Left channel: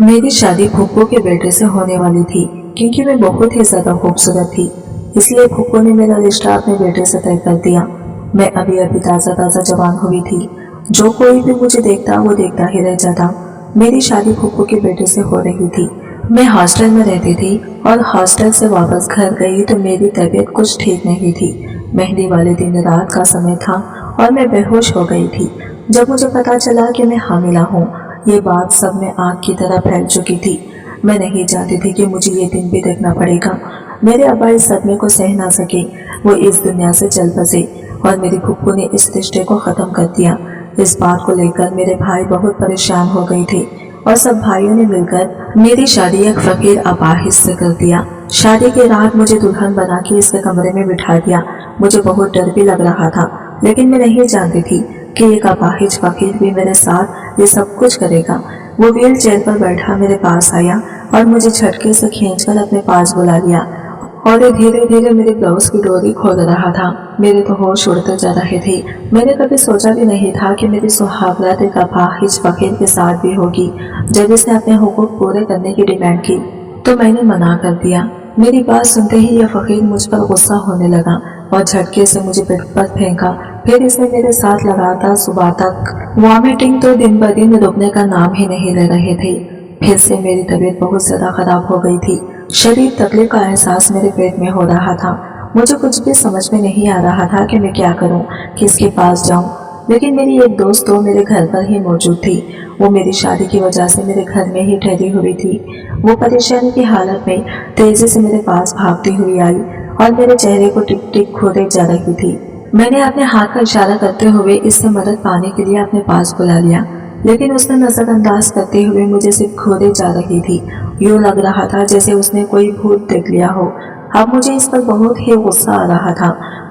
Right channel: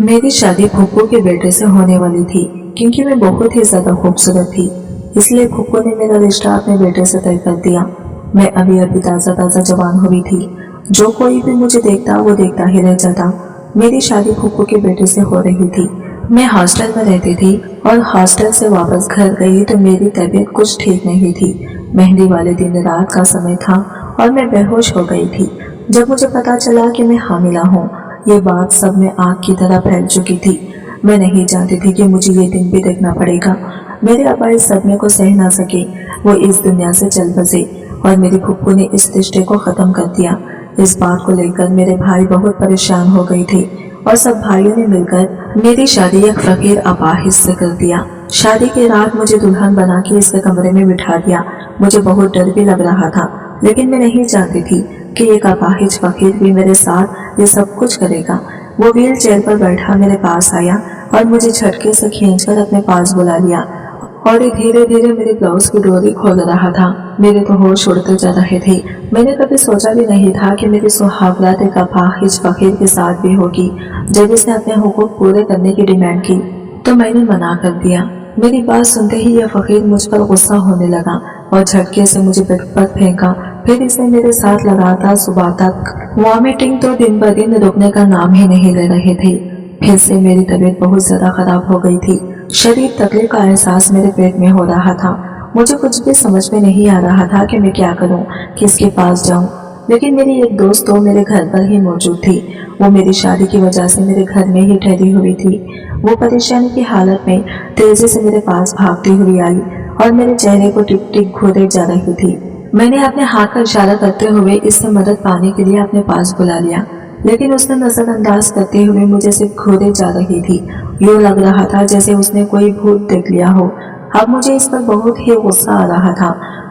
मेरी शादी फुप्पो के बेटे से होने वाली थी। क्योंकि मैं बहुत ही ज्यादा खूबसूरत थी, इसलिए फुप्पो ने मेरा रिश्ता अपने बेटे से तय कर दिया। मैं अभी अभी ताज़ा ताज़ा जवान हुई थी। जो कोई भी मुझे देखता वो देखता ही रह जाता। मेरी शादी फुप्पो के बेटे से हो रही थी। मैं हॉस्टल में रहती थी और हॉस्टल से वापस घर गई तो मेरी तबीयत कुछ ठीक नहीं थी। मेहंदी वाले दिन रात का समय था और मैं बेहोश हो गई थी। जब मुझे पता चला कि मैं हामिला हूँ, ये बात सब में आग की तरह फैल चुकी थी। मैं नहीं जानती थी कि मुझे ये दिन भी देखना पड़ेगा। मेरे अब्बा इस सदमे को सह ना सके, वो इस दुनिया से चल बसे और मेरी फुप्पू ने इस रिश्ते को ख़त्म कर दिया। इस बात को लेकर मेरे भाई बहुत परेशान हो गए थे और सब भाइयों ने मिलकर मेरी शादी एक फकीर अपाहिज से कर दिया। शादी की रात मुझे दुल्हन बना के इसके कमरे में बिठा दिया। मुझे बहुत डर भी लग रहा था, लेकिन मैं नहीं जानती थी कि एक अपाहिज फकीर भी मेरे साथ ये सब कुछ करेगा। वो व्हील चेयर पर बैठा मेरे पास आया और मुझे झटके से खींचकर अपने पास बुला लिया और ये धीरे धीरे मेरे ब्लाउज की डोरी खोल रहा था। मेरे तो होश उड़ते जा रहे थे। मैंने कभी सोचा भी नहीं था कि मेरी सुहागरात एक अपाहिज फकीर के साथ भी होगी। जब इसने अपने हुकूक पूरे करने की डिमांड की तो मैंने मना कर दिया। मेरी बात सुनते ही यह फकीर मुझ पर गुस्सा होने लगा और झटके से मुझे बेड पर फेंका। फिर इसने मेरे साथ लगातार सुबह तक वॉमिटिंग तो दिन ब दिन रुकने का नाम ही नहीं ले रहे थे। फिर से मेरी तबीयत बहुत ज्यादा खराब हो गई थी। शरीर तकलीफ का एहसास मेरे पेट में हो रहा था। मुझे कुछ भी समझ में नहीं आ रहा था कि मैं क्या करूं, किसके पास जाऊं। लेकिन मेरी एक दोस्त तो मेरे घर पर ही मौजूद थी। वो मेरी शादी की वजह से मेरे घर में ही ठहरी हुई थी। वो परेशानी की हालत में तेजी से मेरे पास भागती हुई आई और मेरे चेहरे को टिक टिक घूरे जा रही थी। मैंने अपने हाथ का इशारा करते हुए इससे मदद पाने के लिए अपने पास बुला लिया, लेकिन उसने नजरअंदाज करते हुए मुझे सिर्फ घूरे जा रही थी। यूं लग रहा था जैसे उसने कोई भूत देख लिया हो। अब मुझे इस पर बहुत ही गुस्सा आ रहा था।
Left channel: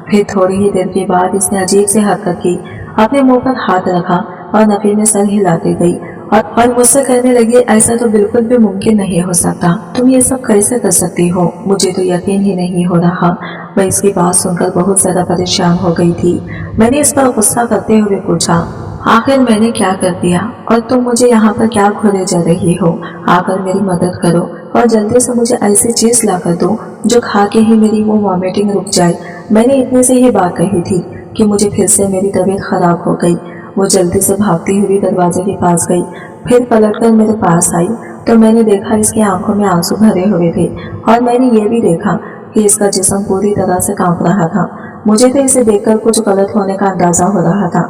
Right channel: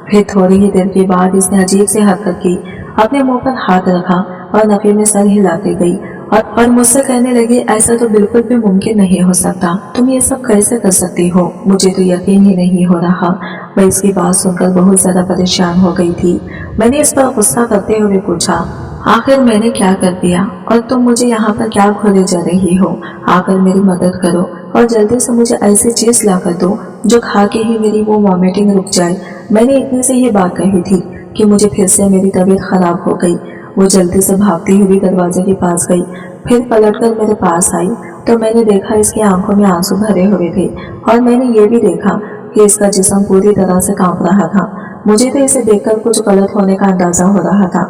फिर थोड़ी ही देर के बाद इसने अजीब से हरकत की, अपने मुंह पर हाथ रखा और नफे में सर हिलाती गई और मुझसे कहने लगी, ऐसा तो बिल्कुल भी मुमकिन नहीं हो सकता, तुम ये सब कैसे कर सकती हो, मुझे तो यकीन ही नहीं हो रहा। मैं इसकी बात सुनकर बहुत ज्यादा परेशान हो गई थी। मैंने इस पर गुस्सा करते हुए पूछा, आखिर मैंने क्या कर दिया और तुम मुझे यहाँ पर क्या घूरे जा रही हो? आकर मेरी मदद करो और जल्दी से मुझे ऐसी चीज ला कर दो जो खा के ही मेरी वो वॉमिटिंग रुक जाए। मैंने इतने से ही बात कही थी कि मुझे फिर से मेरी तबीयत खराब हो गई। वो जल्दी से भागती हुई दरवाजे के पास गई, फिर पलटकर मेरे पास आई तो मैंने देखा इसकी आंखों में आंसू भरे हुए थे और मैंने ये भी देखा कि इसका जिस्म पूरी तरह से कांप रहा था। मुझे तो इसे देखकर कुछ गलत होने का अंदाजा हो रहा था।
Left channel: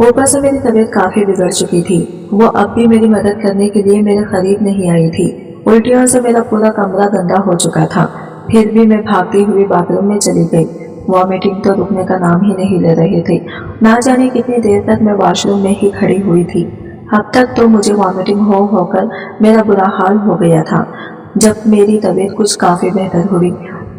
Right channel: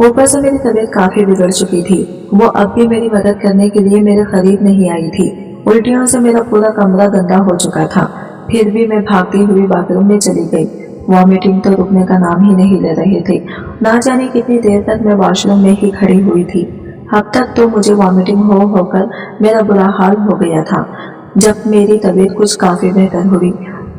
ऊपर से मेरी तबीयत काफी बिगड़ चुकी थी। वो अब भी मेरी मदद करने के लिए मेरे करीब नहीं आई थी। उल्टियों से मेरा पूरा कमरा गंदा हो चुका था। फिर भी मैं भागती हुई बाथरूम में चली गई। वॉमिटिंग तो रुकने का नाम ही नहीं ले रहे थे। ना जाने कितनी देर तक मैं वॉशरूम में ही खड़ी हुई थी। अब तक तो मुझे वॉमिटिंग हो होकर मेरा बुरा हाल हो गया था। जब मेरी तबीयत कुछ काफी बेहतर हुई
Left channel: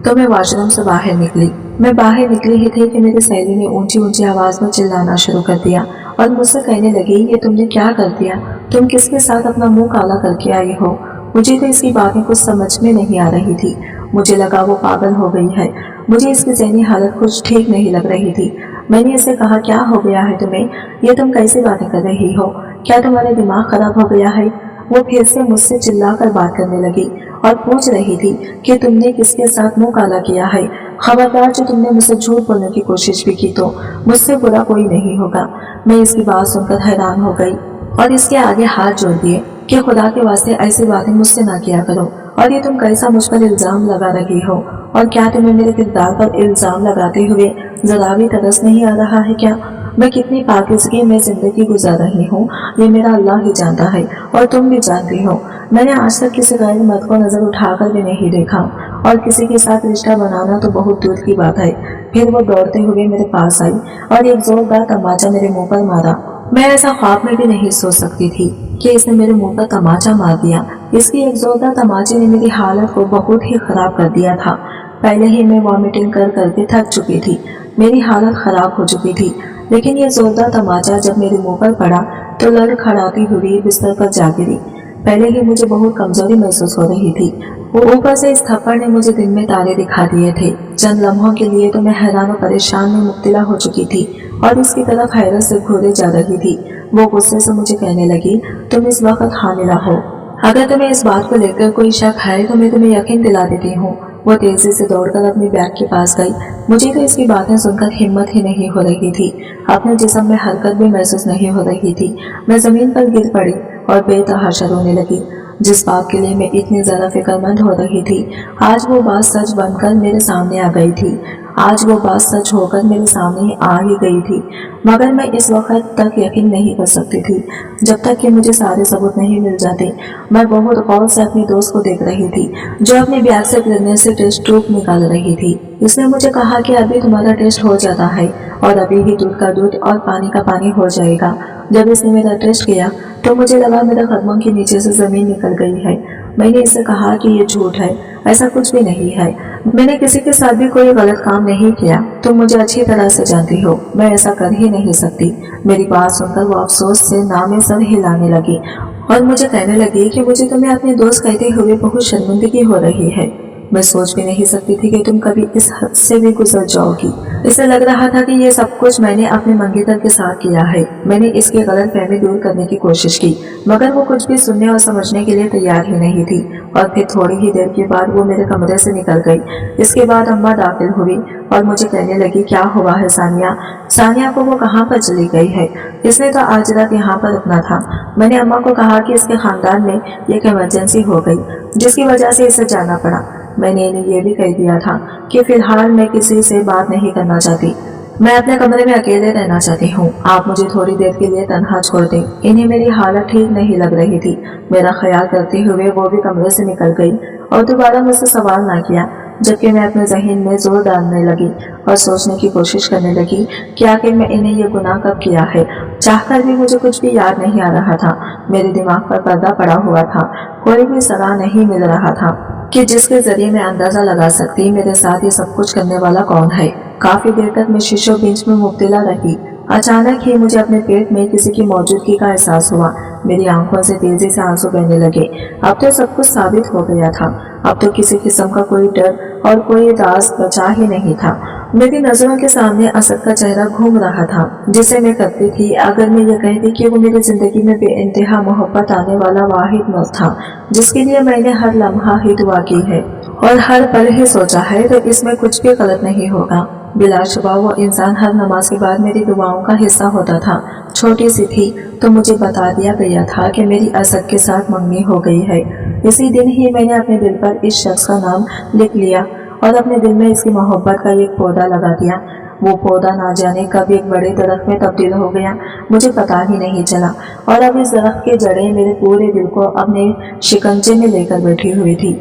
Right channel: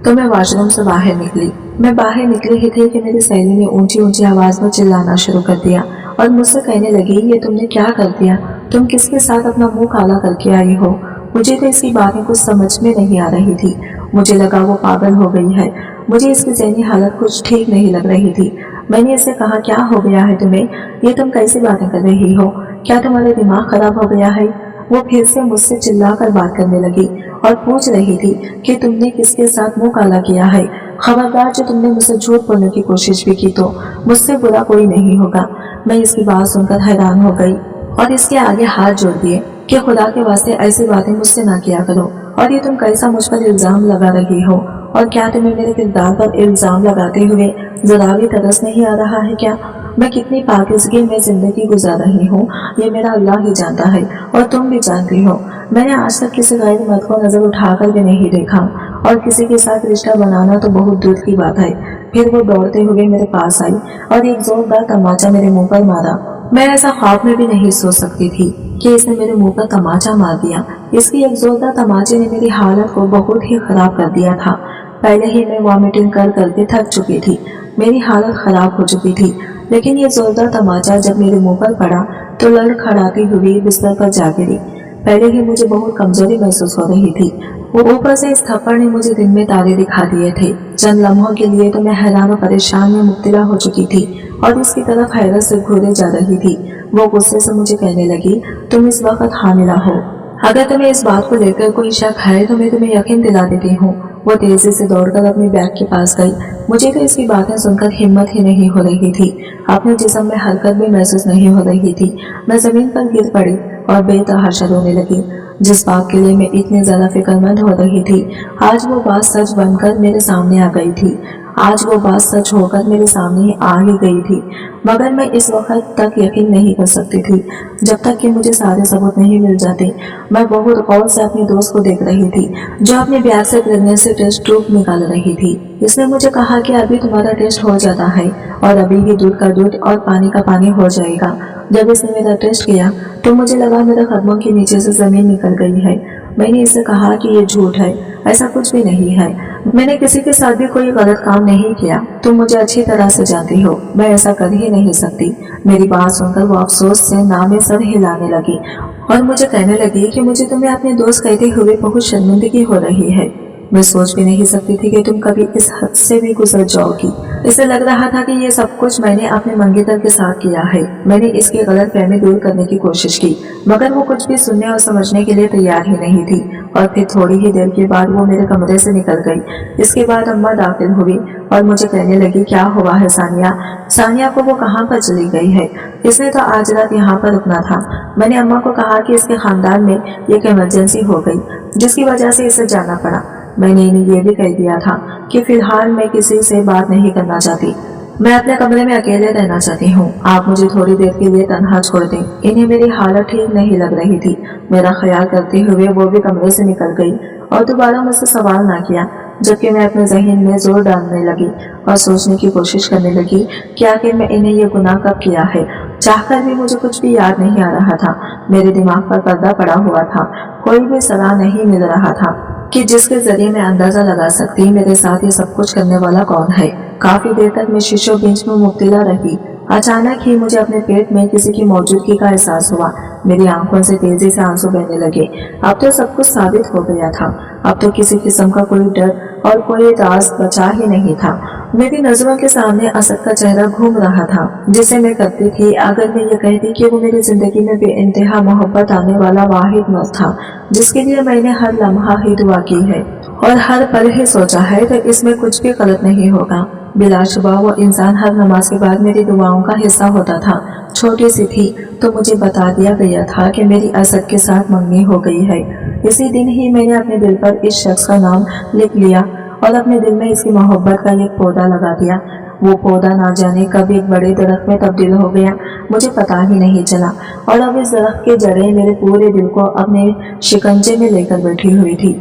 तो मैं वॉशरूम से बाहर निकली। मैं बाहर निकली ही थी कि मेरी सहेली ने ऊंची ऊंची आवाज में चिल्लाना शुरू कर दिया और मुझसे कहने लगी, ये तुमने क्या कर दिया? तुम किसके साथ अपना मुंह काला करके आई हो? मुझे तो इसकी बातें कुछ समझ में नहीं आ रही थी। मुझे लगा वो पागल हो गई है। मुझे इसकी ज़हनी हालत कुछ ठीक नहीं लग रही थी। मैंने इसे कहा, क्या हो गया है तुम्हें? ये तुम कैसी बातें कर रही हो? क्या तुम्हारा दिमाग खराब हो गया है? वो फिर से मुझसे चिल्लाकर बात करने लगी और पूछ रही थी कि तुमने किसके साथ मुंह काला किया है। खबरदार, जो तुमने मुझसे झूठ बोलने की कोशिश भी की तो मुझसे बुरा कोई नहीं होगा। मैं इसकी बात सुनकर हैरान हो गई और इसके आगे हाथ जोड़ दिए कि खुदा के वास्ते ऐसी बातें मुझसे ना किया करो। और ये तुम कैसा मुझ पर इल्जाम लगा रही हो? और क्या तुम्हें मेरे किरदार पर इल्जाम लगाते हुए जरा भी तरस नहीं आ रहा है क्या? मैं कितनी पाकीज़गी में जिंदगी गुजार रही हूँ ये मेरा अल्लाह ही जानता है और तुम भी जानती हो। मैंने आज तक किसी गैर मर्द को नजर उठाकर भी नहीं देखा और किसी के साथ रिश्ता बनाना तो बहुत दूर की बात है। फिर वो दौड़ते हुए मेरे पास आई और एक जोरदार तमाचा मेरे मुंह पर मारा। मैं ऐसा ख्वाब में भी नहीं सोच सकती थी कि इसने मेरे मुंह पर तमाचा मार दिया। इसकी एक जोरदार तमाचे ने मेरी हालत को बहुत ही खराब कर दिया था। पहले ही मैं वॉमिटिंग कर करके थक चुकी थी। मेरी हालत खराब हो चुकी थी, लेकिन ये जोरदार तमाचा जब मेरे मुंह पर पड़ा तो लड़खड़ाती हुई बिस्तर पर जा गिरी। पहले ही मुझे बहुत कमजोरी महसूस हो रही थी। ऊपर से इस थप्पड़ ने मुझे दिन में तारे दिखा दिए थे। चंद लम्हों के लिए तो मैं हैरान और परेशान में मुब्तला हो चुकी थी और इसकी तरफ हैरत से घूरे जा रही थी। वो गुस्से से मुझे कहने लगी, तुम इस वक्त हामिला हो अगर तुम्हें इस बात को लेकर कोई शक है तो मैं तुम्हें यकीन दिला देती हूँ। वो तेजी से दौड़कर अपनी बैग के पास गई। मुझे तो इसकी बातें सुनकर हिम्मत ही नहीं हो रही थी। अपने जिस्म में हरकत भी महसूस नहीं हो रही थी। मैं जमीन पर गिर पड़ी और बेतहाशा रोने लगी। जिस बात के लिए मैं इतनी ज्यादा फिक्रमंद हो रही थी, आज वो बात सच बनकर मेरे सामने आ गई थी। आज वो बात सच होकर मेरे सामने ही आ ही गई थी, मगर मैं इस वक्त तक यकीन नहीं कर सकती थी जब तक कि मुझे सारे सबूत नहीं मिल जाते। मैं बहुत गौर से अपनी दोस्त को देख रही थी जो अपने बैग से प्रेगनेंसी टेस्ट ट्यूब निकाल रही थी। इसने मुझे कहा कि अभी तुम्हारा टेस्ट हो जाता है और अभी ही दूध का दूध और पानी का पानी हो जाएगा। जब इसने मेरा टेस्ट किया तो मुझे लगा मेरे कदमों के नीचे से जमीन निकल गई है। मैंने इससे कहा कि ये झूठ है, ऐसा कुछ भी नहीं है। मैंने किसी के साथ भी कोई गलत काम नहीं किया। तुम मुझे अच्छी तरह से जानती हो, मैं ऐसा कर ही नहीं सकती। मेरी बात सुनकर वो अफसोस से नामे सर हिलाने लगी और मुझे कहने लगी कि मुझे तुम्हें अपने दोस्त कहते हुए बहुत शर्मिंदगी हो रही है। मैं सोच भी नहीं सकती थी कि तुम कभी इस हद से भी गुजर जाओगी। इसे लग रहा था कि ये सब कुछ मैंने अपने मंगेतर के साथ किया है। मैंने इसकी गलतफहमी दूर करने की कोशिश की, मगर वो कुछ भी सुनने और समझने के लिए तैयार ही नहीं थी। और फिर थोड़ी ही देर के बाद वो मेरे कमरे से निकल गई। इसके बाद अम्मा दाखिल हुई और मुझे कहने लगी, क्या हुआ है सानिया? सानिया को वो कहाँ पर चली गई है? इसने तो आज रात यहाँ पर रुकना था। मैंने अम्मा को कहा कि इसके खानदान में एक इमरजेंसी हो गई जिसकी वजह से इसे जाना पड़ा। मैंने इन्हें ये भी कह दिया था कि फिलहाल मैं किसी से बात नहीं करना चाहती। मैं अपने कमरे में अकेले रहना चाहती हूँ। आप मुझे थोड़ी देर के लिए तन्हा छोड़ दें। इन्हें मेरी हालत ठीक नहीं लग रही थी। मेरा ख्याल करते हुए वो भी कमरे से निकल गई और दोबारा मुझसे सवाल ना किया, जबकि मैं अपने जहन में जोर डालने लगी और सोचने की कोशिश करने लगी कि आखिर मैं इन्हें ये गुनाह कब किया है। चाहकर भी मुझे कुछ भी याद नहीं आ रहा था। मेरे दिमाग पर पर्दा पड़ा हुआ था। कोई भी सलाह नहीं मिल रहा था कि जिसके जरिए मैं अंदाजा लगा सकती मेरे साथ ये सब कुछ करने वाला कौन है। काफी देर तक मैं शीशो बिंच में मुब्तला रही। अचानक ही मुझे अपने पेट में किसी की मौजूदगी का एहसास हुआ। मेरी आंखों से तेजी से आंसू बहने लगे। अब तो सब कुछ साबित हो गया था। अब तो किसी किस्म का कोई डर और कोई राज बचा ही नहीं था। मेरी नजरों के सामने असद का चेहरा घूम रहा था, जिसे मैं करती थी अगर मैं ये कहती कि वो मेरी जिंदगी में बेइंतहा मोहब्बत आने वाला वाहिद मर्द था जिसके लिए मैंने हर लम्हा ही दुआ की है और हर पल ही सोचा है, तो इसमें कुछ भी गलत नहीं होगा। बिलाशुबा वो इंसान हर नमाज के बाद मेरी दुआओं का हिस्सा होता था। छोटी सी थी तो मुझे बता दिया गया था कि मेरी असद के साथ मंगनी हो गई है। इसी दिन ही मैंने अपने दिल पर इस शख्स का नाम लिख लिया और अपने दिल में इसकी मोहब्बत का एक पौधा लगा दिया। वो पौधा ना जाने कब एक बड़े दरख्त में तब्दील हो गया, मुझे पता ही नहीं चला। और अब इस दरख्त के जड़ें मेरे पूरे दिल को अपने शिकंजे में लेकर बैठी हुई थी।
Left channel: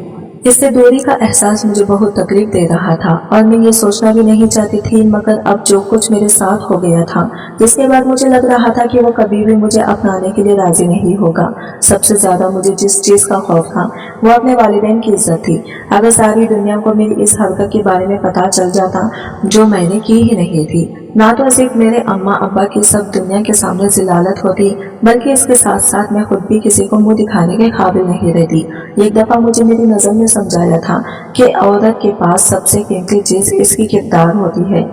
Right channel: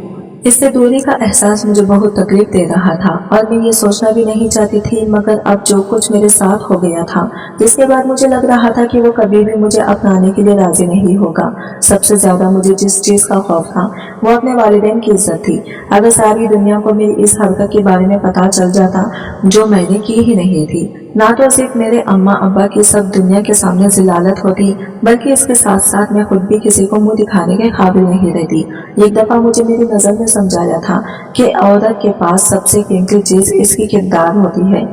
इससे दूरी का एहसास मुझे बहुत तकलीफ दे रहा था और मैं ये सोचना भी नहीं चाहती थी, मगर अब जो कुछ मेरे साथ हो गया था, इसके बाद मुझे लग रहा था कि वो कभी भी मुझे अपनाने के लिए राजी नहीं होगा। सबसे ज्यादा मुझे जिस चीज का खौफ था वो अपने वालिदैन की इज्जत थी। अगर सारी दुनिया को मेरी इस हरकत के बारे में पता चल जाता जो मैंने की ही नहीं थी, ना तो सिर्फ मेरे अम्मा अब्बा की सब दुनिया के सामने जिलालत होती, बल्कि इसके साथ साथ मैं खुद भी किसी को मुंह दिखाने के काबिल नहीं रहती। एक दफा मुझे मेरी नजर ने समझाया था कि औरत के पास सबसे कीमती चीज इसकी किरदार होती है।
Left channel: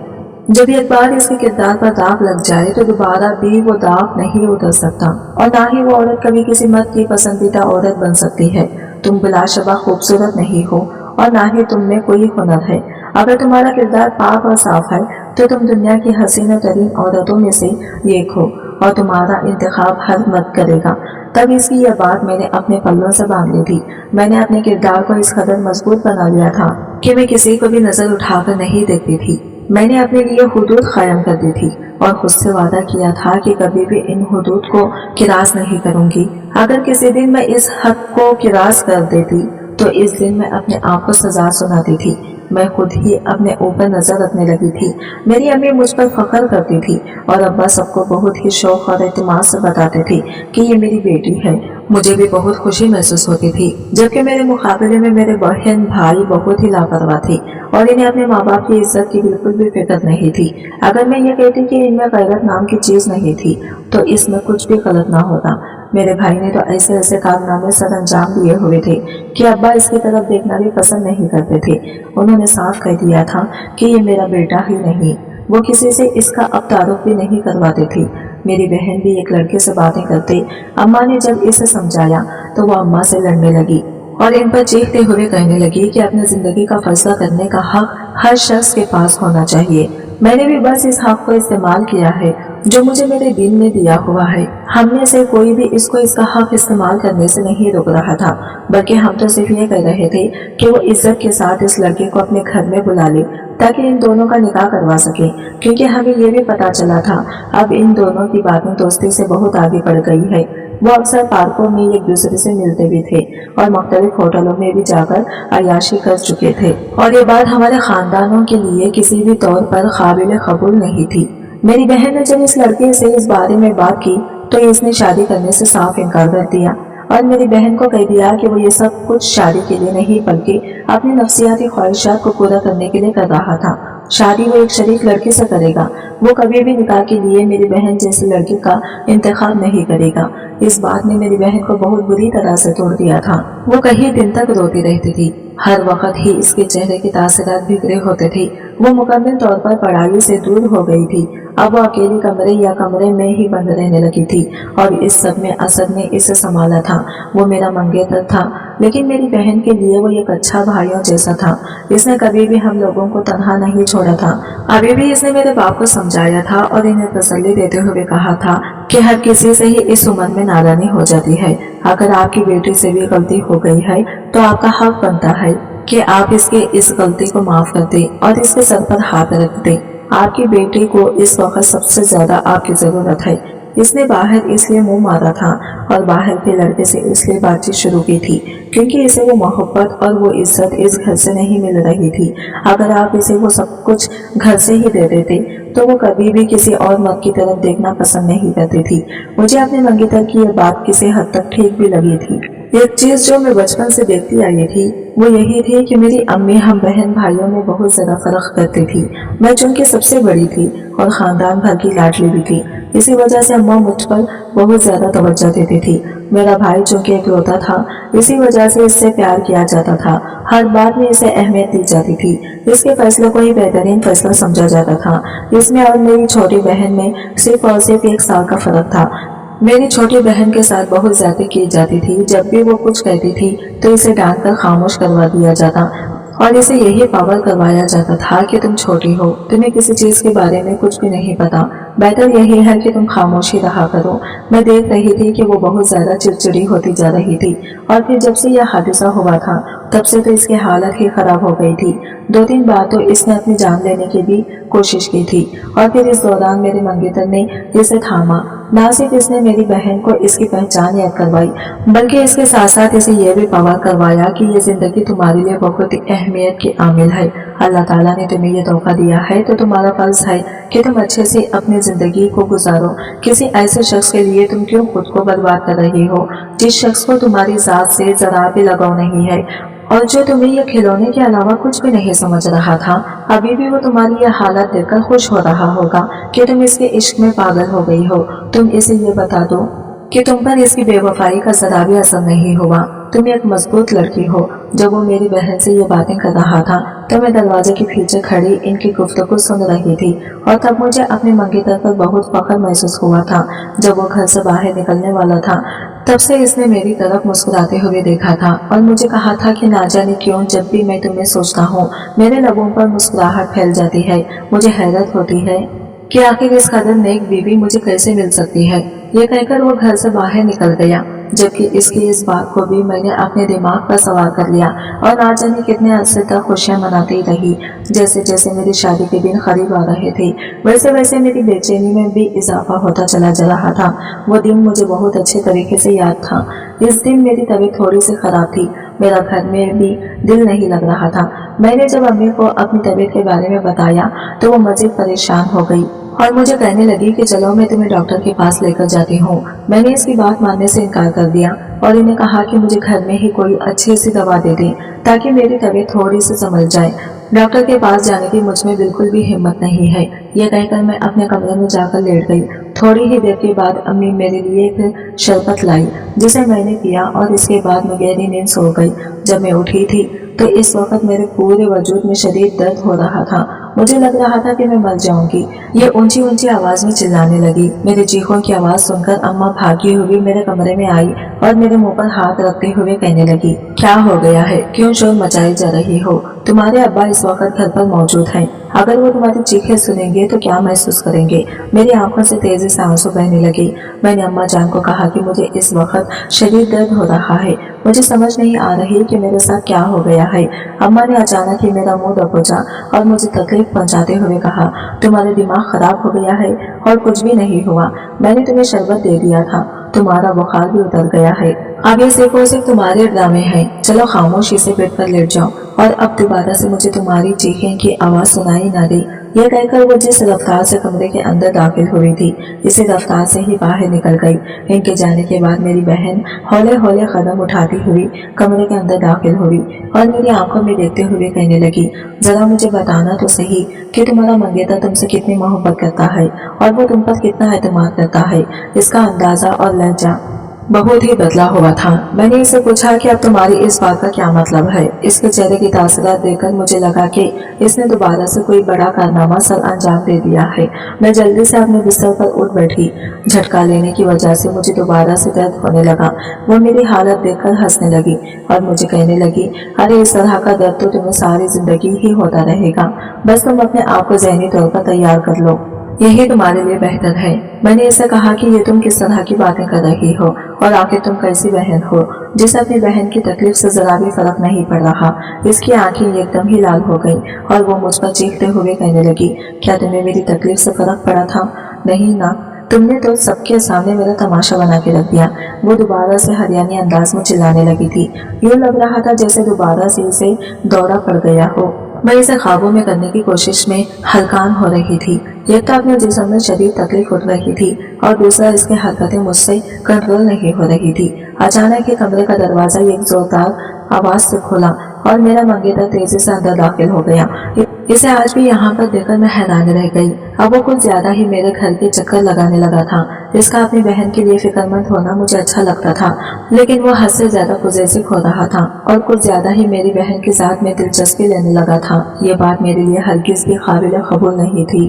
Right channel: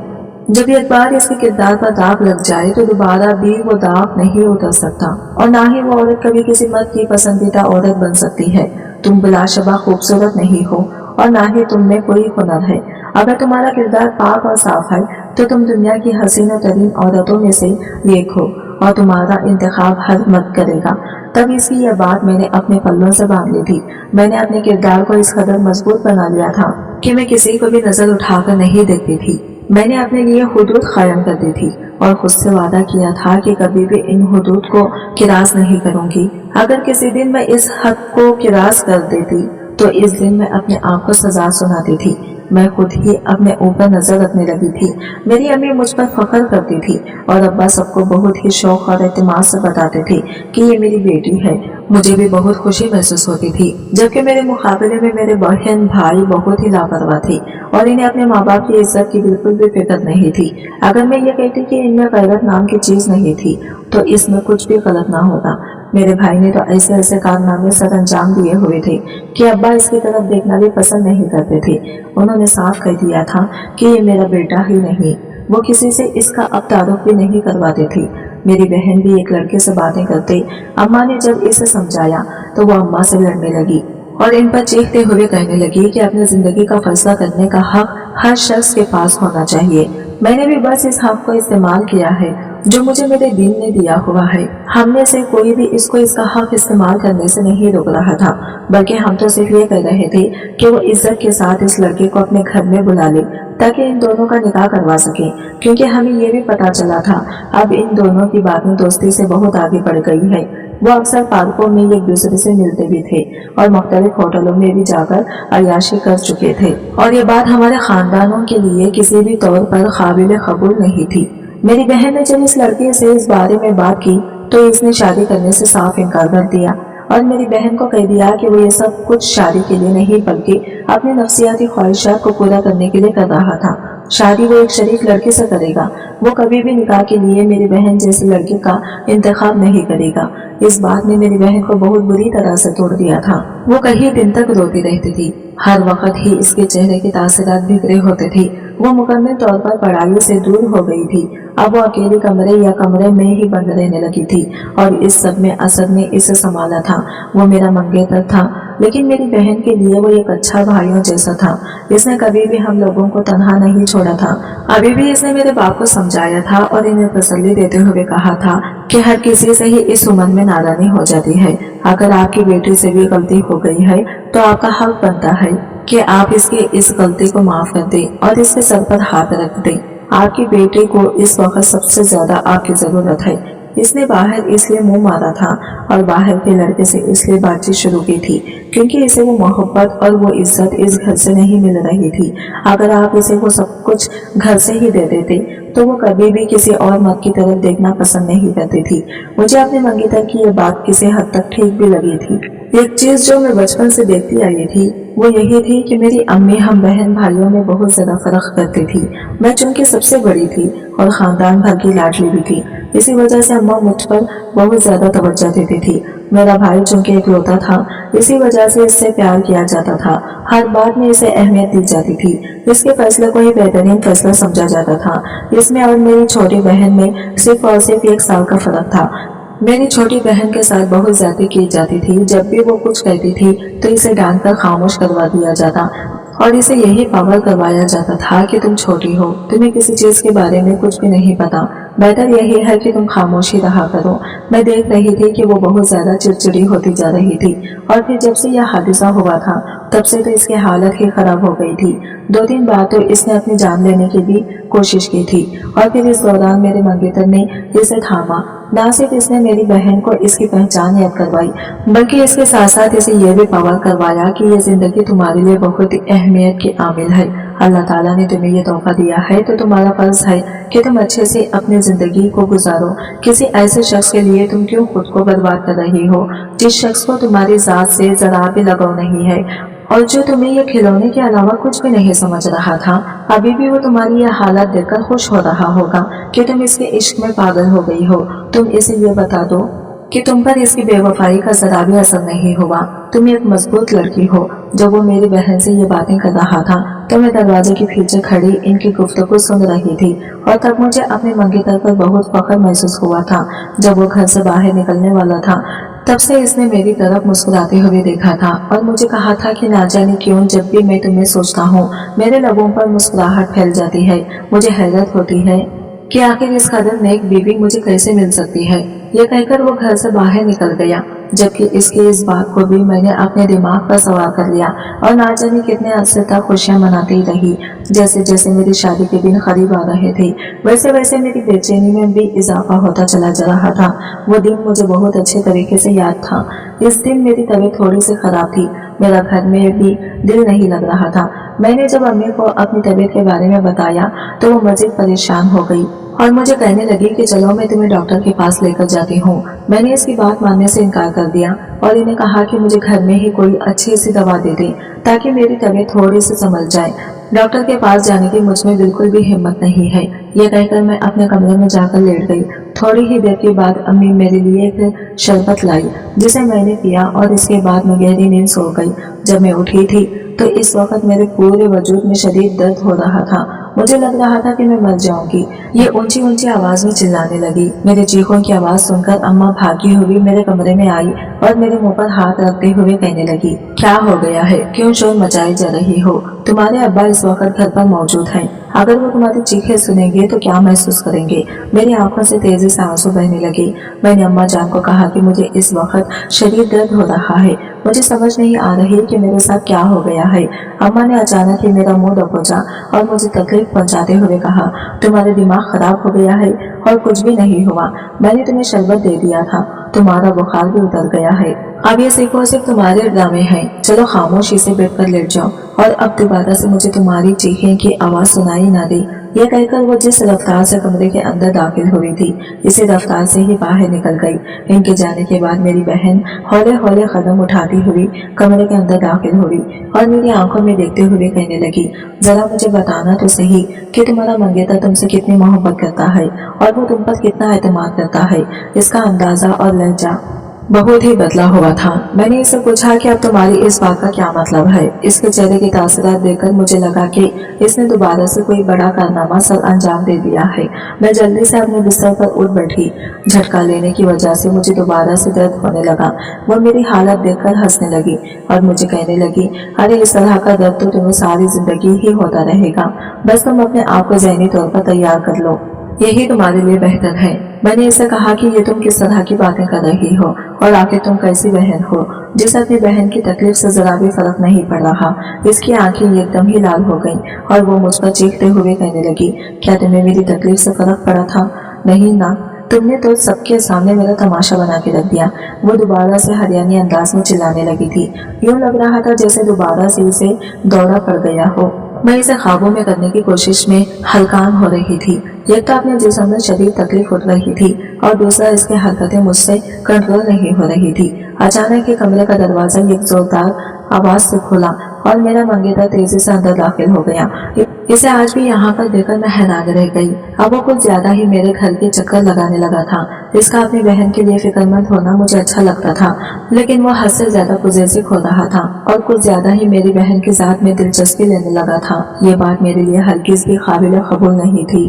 जब एक बार इसके किरदार पर दाग लग जाए तो दोबारा भी वो दाग नहीं उतर सकता और ना ही वो औरत कभी किसी मर्द की पसंदीदा औरत बन सकती है। तुम बिलाशुबा खूबसूरत नहीं हो और ना ही तुम में कोई हुनर है। अगर तुम्हारा किरदार पाक और साफ है तो तुम दुनिया की हसीना तरीन औरतों में से एक हो और तुम्हारा इंतखाब हर मर्द करेगा। तब इसकी यह बात मैंने अपने पल्लों से बांध ली थी। मैंने अपने किरदार को इस कदर मजबूत बना लिया था कि मैं किसी को भी नजर उठाकर नहीं देखती थी। मैंने अपने लिए हुदूद कायम कर दी थी और खुद से वादा किया था कि कभी भी इन हुदूद को किरास नहीं करूंगी। अगर किसी दिन मैं इस हद को किरास कर देती तो इस दिन मैं अपने आप को सजा सुनाती थी। मैं खुद ही अपने ऊपर नजर रखने लगी थी। मेरी अम्मी मुझ पर फख्र करती थी और अब्बा सबको बहुत ही शौक और एतमाद से बताते थे कि ये मेरी बेटी है। मुझे भी बहुत खुशी महसूस होती थी, जबकि मेरे मुकाबले में मेरे बहन भाई बहुत ही लापरवाह थे और इन्हें अपने माँ बाप की इज्जत की बिल्कुल भी फिक्र नहीं थी। अगर मैं ये कहती कि इनमें गैरत नाम की चीज नहीं थी तो इसमें कुछ भी गलत ना होता। मेरे भाई ने तो ऐसे ऐसे कारनामे सर अंजाम दिए हुए थे कि अब्बा इसकी तरफ देखना भी पसंद नहीं करते थे। उन्होंने साफ कह दिया था कि ये मेरा बेटा ही नहीं, वो किसी से इसका अब तारुफ भी नहीं करवाते थे। मेरी बहन भी एक लड़के से बातें करते। अम्मा ने जब इसे समझाया तो वो अम्मा से लड़ने लगी और इन पर चीखते हुए कहने लगी कि अपनी जिंदगी का फैसला करने का हक हर शख्स के पास होना चाहिए। मैंने भी बस इस हक को इस्तेमाल किया है जो मुझे मेरे दीन ने दिया हुआ है। हम में से कोई भी इसको इसका हक इस्तेमाल करने से नहीं रोक रहा था, बल्कि हम तो सिर्फ ये कह रहे थे कि वो इज्जत के साथ इस लड़के को अपने घर में बुला ले ताकि इन दोनों का निकाह करवा सके, क्योंकि हमें ये भी पता चला था अब इन दोनों की बातें दोस्ती से बहुत आगे बढ़ गई है। वो अक्सर पार्कों में एक दूसरे से मिलते भी थे और मुख्तलिफ होटलों में भी जाकर अय्याशी कर चुके थे, और ये बात हमारे खानदानों के लिए किसी भी तौर पर काबिल कबूल नहीं थी। मेरी बहन ने जब इस लड़के से इस बारे में बात की तो इसने शादी करने से साफ इनकार कर दिया और मेरी बहन को कह दिया कि वो ये सब कुछ शादी के लिए नहीं बल्कि अपनी नफ्सियाती ख्वाहिशात को पूरा करने के लिए कर रहा था। शादी वो एक शरीफ लड़के से करेगा, वो कभी भी निकाह के लिए मेरी बहन जैसे लड़के का इंतखाब नहीं करेगा। इस बात ने मेरी बहन को बहुत बुरी तरह से तोड़ दिया था। वो कई दिन तक रोती रहती थी, हर वक्त ही इसके चेहरे के तासरात बिगड़े होते थे। वो मुकम्मल तौर पर पढ़ाई से दूर हो गई थी। अब वो अकेले कमरे में ही बंद रहने लगी थी और इस सब में असद ने इसे संभाला था। वो मेरा मंगेतर था, लेकिन मेरी बहन के लिए वो एक अच्छा भाइयों जैसा था। इसने कभी भी हम लोगों को तन्हा नहीं छोड़ा था। अभी भी इसने मेरे बाप को समझाया था और इन्हें तसल्ली देते हुए कहा था कि हर किसी से ही इस उम्र में नादानी हो जाती है। अगर आपकी बेटी से भी गलती हो गई है तो आपका हक बनता है कि आप इसके इस गलती को माफ कर दें और इसके सर पर हाथ रख दें। आपकी बेटी को इस वक्त सबसे ज्यादा आपकी जरूरत है। इसने बाहर इसलिए मुंह मारा था और बाहर के लड़के से इसलिए बातचीत शुरू की थी क्योंकि इसे वो मोहब्बत और वो इज्जत इस घर से नहीं मिल रही थी। अगर आप इसे वो सब कुछ घर से ही दे देते तो वो कभी भी किसी और मर्द की तरफ देखना पसंद नहीं करती थी। मुझे अपने मंगेतर की ये बात किसी हद तक ठीक भी लगी थी। एक चीज जो मैं बचपन से देखती आई थी वो यही थी कि मेरी अम्मी हम बहन भाइयों में बहुत ज्यादा फर्क करती थी। मैं चूंकि सबसे बड़ी थी और खानदान भर की लाडली भी थी, इसी वजह से अम्मा मुझ पर बहुत ज्यादा तवज्जो देती थी। मेरा भाई चूंकि इकलौता था, इसी वजह से इससे प्यार किया जाता था। हर बात में इसे अहमियत दी जाती थी। इसके फैसले को ही बेहतरीन फैसला समझा जाता था। इसमें और मेरी छोटी बहन में सिर्फ और सिर्फ 1 साल का फर्क था। मेरी छोटी बहन के साथ बहुत ज्यादती की जाती थी। जब भी वो कुछ कहती थी तो इसे डांट कर खामोश करवा दिया जाता और इसे यही पावर करवाया जाता था कि तुम छोटी हो, तुम्हें किसी चीज के बारे में कुछ भी नहीं पता, बेहतर यही है कि तुम खामोश ही रहा करो। मैं देख रही थी कि वो बहुत ज्यादा चिड़चिड़ी होती जा रही थी और फिर जब से यह हादसा हुआ था तब से तो इसकी हालत ही खराब हो गई थी। 2-3 बार तो इसने अपनी जान लेने की भी कोशिश की थी और फिर इस दौरान मेरे मंगेतर ने इसे थामा। ना सिर्फ इसने मेरी बहन को इसकी पहचान याद करवाई बल्कि इसके साथ साथ इसे यह भी पावर करवाया कि यह जिंदगी तुम्हारे लिए बहुत ही अहमियत की आमिल है। अल्लाह ताला ने तुम्हें यह तोहफा दिया है तो तुम्हारा फर्ज है कि तुम अच्छे से अपनी जिंदगी को गुजारो। किसी ऐसे शख्स के लिए तुम क्यों खुद को बर्बाद कर रही हो जिस शख्स को तुम्हारी जात से जरा भी लगाव नहीं है और जो तुम्हें यह खिलौने के अलावा कुछ भी नहीं समझ रहा था। अभी भी वो तुम्हारी यह हालत देखकर खुश हो रहा होगा कि तुम इसके इश्क में पागल हो गई हो। तुम इसे ये बता दो कि तुम पर इसकी बेवफाई का जरा भी असर नहीं हुआ। तुम एक मजबूत लड़की हो। जब वो मेरी बहन से ये बातें कर रहा था तो मैं दरवाजे के पीछे खड़ी इनकी गुफ्तगू सुन रही थी और तब मुझे अपने मंगेतर पर बहुत फख्र महसूस हुआ था। जब वो घर से बाहर निकलने वाला था तब से इसने मेरी तरफ मुस्कुराते हुए देखा था और मुझे कहा था कि ना जाने क्यों जब भी मैं तुम्हें सोचता हूँ मेरे लबों पर मुस्कुराहट फैल जाती है। मुझे हैरत होती है कि आखिर इस कदर नेक बीवी मुझे कैसे मिल सकती है। ये कहकर वो घर से बाहर निकल गया, जबकि इसकी इस बात को भी मैंने अपने दिमाग पर सवार कर लिया और ना जाने कितने अरसे तक खुशियां मनाती रही। जैसे जैसे मेरी शादी के दिन करीब आ रहे थे वैसे वैसे मेरी बेचैनी में भी इजाफा होता चला जा रहा था। वो दिन मुझे बहुत अच्छे तरीके से याद था। इस दिन मेरी तबीयत थोड़ी सी खराब थी, मेरा घर में भी दिल नहीं लग रहा था। मैंने जब अम्मी को अपनी तबीयत के बारे में बताया तो वो मजीद परेशान हो गई और मुझे कहने लगी कि चलो मैं तुम्हें डॉक्टर के पास लेकर जाती हूँ। मैंने इसकी बात मानने से इनकार कर दिया और इन्हें कहा कि मुझे घर में ही कोई अच्छी सी दवा दे दें ताकि मेरी तबीयत थोड़ी सी संभल जाए। डॉक्टर के पास जाने की मुझ में बिल्कुल भी हिम्मत नहीं है। यह कहकर मैं अपने कमरे में जाकर लेट गई। थोड़ी ही देर के बाद अम्मी मेरे लिए एक शरबत लाई जिसे मैंने पिया और इसके बाद मैं गहरी नींद सो गई। जब मैं उठी थी तो इस वक्त मेरे पूरे वजूद में शदीद दर्द हो रहा था मुझे लग रहा था कि मैं मर जाऊंगी। ये ऊंची ऊंची आवाज में चिल्लाने लगी। मेरे चीखों की आवाज सुनकर अम्मा भागी हुई मेरे कमरे में आई और मेरे मुंह पर हाथ रखते हुए कहने लगी, क्या हो गया है, क्यों शोर मचाई जा रही हो? तुम्हारे अब्बा इस वक्त घर पर मौजूद हैं। अगर वो तुम्हारी चीखें सुनेंगे तो क्या महसूस करेंगे? मेरी आंखों से तेजी से आंसू बहने लगे। मैंने अम्मा जान को कहा कि मुझे इस वक्त शदीद दर्द हो रहा है, मुझे समझ नहीं आ रही कि मेरे साथ क्या हो गया है। अम्मा ने अचानक ही मेरा मुंह दबोचा और मुझे तकलीफ पहुंचाते हुए कहा, तुम्हारा दिमाग खराब हो गया है और कुछ भी नहीं हुआ। मैंने तुम्हें शरबत दे दिया था, तुम्हारा बुखार भी उतर गया है। अब ये सिर्फ तुम्हारे ड्रामे हैं। चलो खामोशी से बेड पर लेट जाओ और अब दोबारा से मुझे तुम्हारी चीखें की आवाज सुनाई ना दे। यह कहकर वो जिस रफ्तार से कमरे के अंदर दाखिल हुई थी, इसी रफ्तार से ही बाहर निकल गई। इनके जाने के बाद मेरी बहन हौले हौले कदम उठाती हुई कमरे के अंदर दाखिल हुई और मेरी आंखों में देखते हुए कहने लगी, जरा मुझे बताना तो सही कि तुम्हारा मंगेतर तुमसे कितनी मोहब्बत करता है और वो तुम पर कितना एतमाद करता है। इसका अंदाजा और लहजा बहुत ही बदला हुआ था। मैंने इससे पूछा कि अब तुम्हारी इस बात का क्या मतलब है? इसके चेहरे की तासरात देखकर मुझे लगा कि इसने दोबारा से कोई बड़ा कारनामा सर अंजाम दे दिया है। मैं जल्दी से अपने बिस्तर पर उठ बैठी। झटका लेने की वजह से मुझे दोबारा से दर्द होने लगा। वो मेरी हालत देखकर हंसने लगी और मुझे कहने लगी, अरे इस तरह का दर्द तो तुम्हें सारी जिंदगी ही होता रहेगा, बस तुम अपने आप को ज़हनी तौर पर तैयार कर लो, यही तुम्हारे लिए बेहतर है। मैंने इसे कहा कि ये तुम किस तरह की बातें कर रही हो और आखिर तुम कैसी बहन हो जिसे अपनी बहन की तकलीफ से जरा भी फर्क नहीं पड़ रहा। इसकी आंखें एकदम ही लाल हो गईं और वो मुझ पर चीखते हुए कहने लगी, क्या तुम्हें मेरी तकलीफ से फर्क पड़ा था? नहीं ना, तुमने तो सबके सामने मेरा तमाशा बना के रख दिया। वो दोबारा से हरियाणी अंदाज में चिल्लाने लगी थी। यूं लग रहा था जैसे दोबारा से इसे दौड़ा पड़ गया हो। मैं इसे ख्वाबों में करने की कोशिश में हलकान हो रही थी। एक तो अपने जिस्म में शदीद तकलीफ उठ रही थी और दूसरा इसकी हरकतें मुझसे कंट्रोल नहीं हो रही थी। अचानक ही कमरे का दरवाजा एक जोरदार आवाज से खुला और मेरा मंगेतर तेजी से अंदर दाखिल हो गया। इसे आज भी यहाँ पर देखकर मैं हैरान रह गई। अब वो कुछ ज्यादा ही मेरे घर के चक्कर लगाने लगा था। इसका अपनी बहन के लिए फिक्रमंद होना मुझे अच्छा लगता था, लेकिन वो हद से ज्यादा पुजेसिक हो रहा था और कुछ ज्यादा ही मेरी बहन की जात में दिलचस्पी लेने लगा था। ये बात मेरे लिए हरगिज भी काबिल कबूल नहीं थी।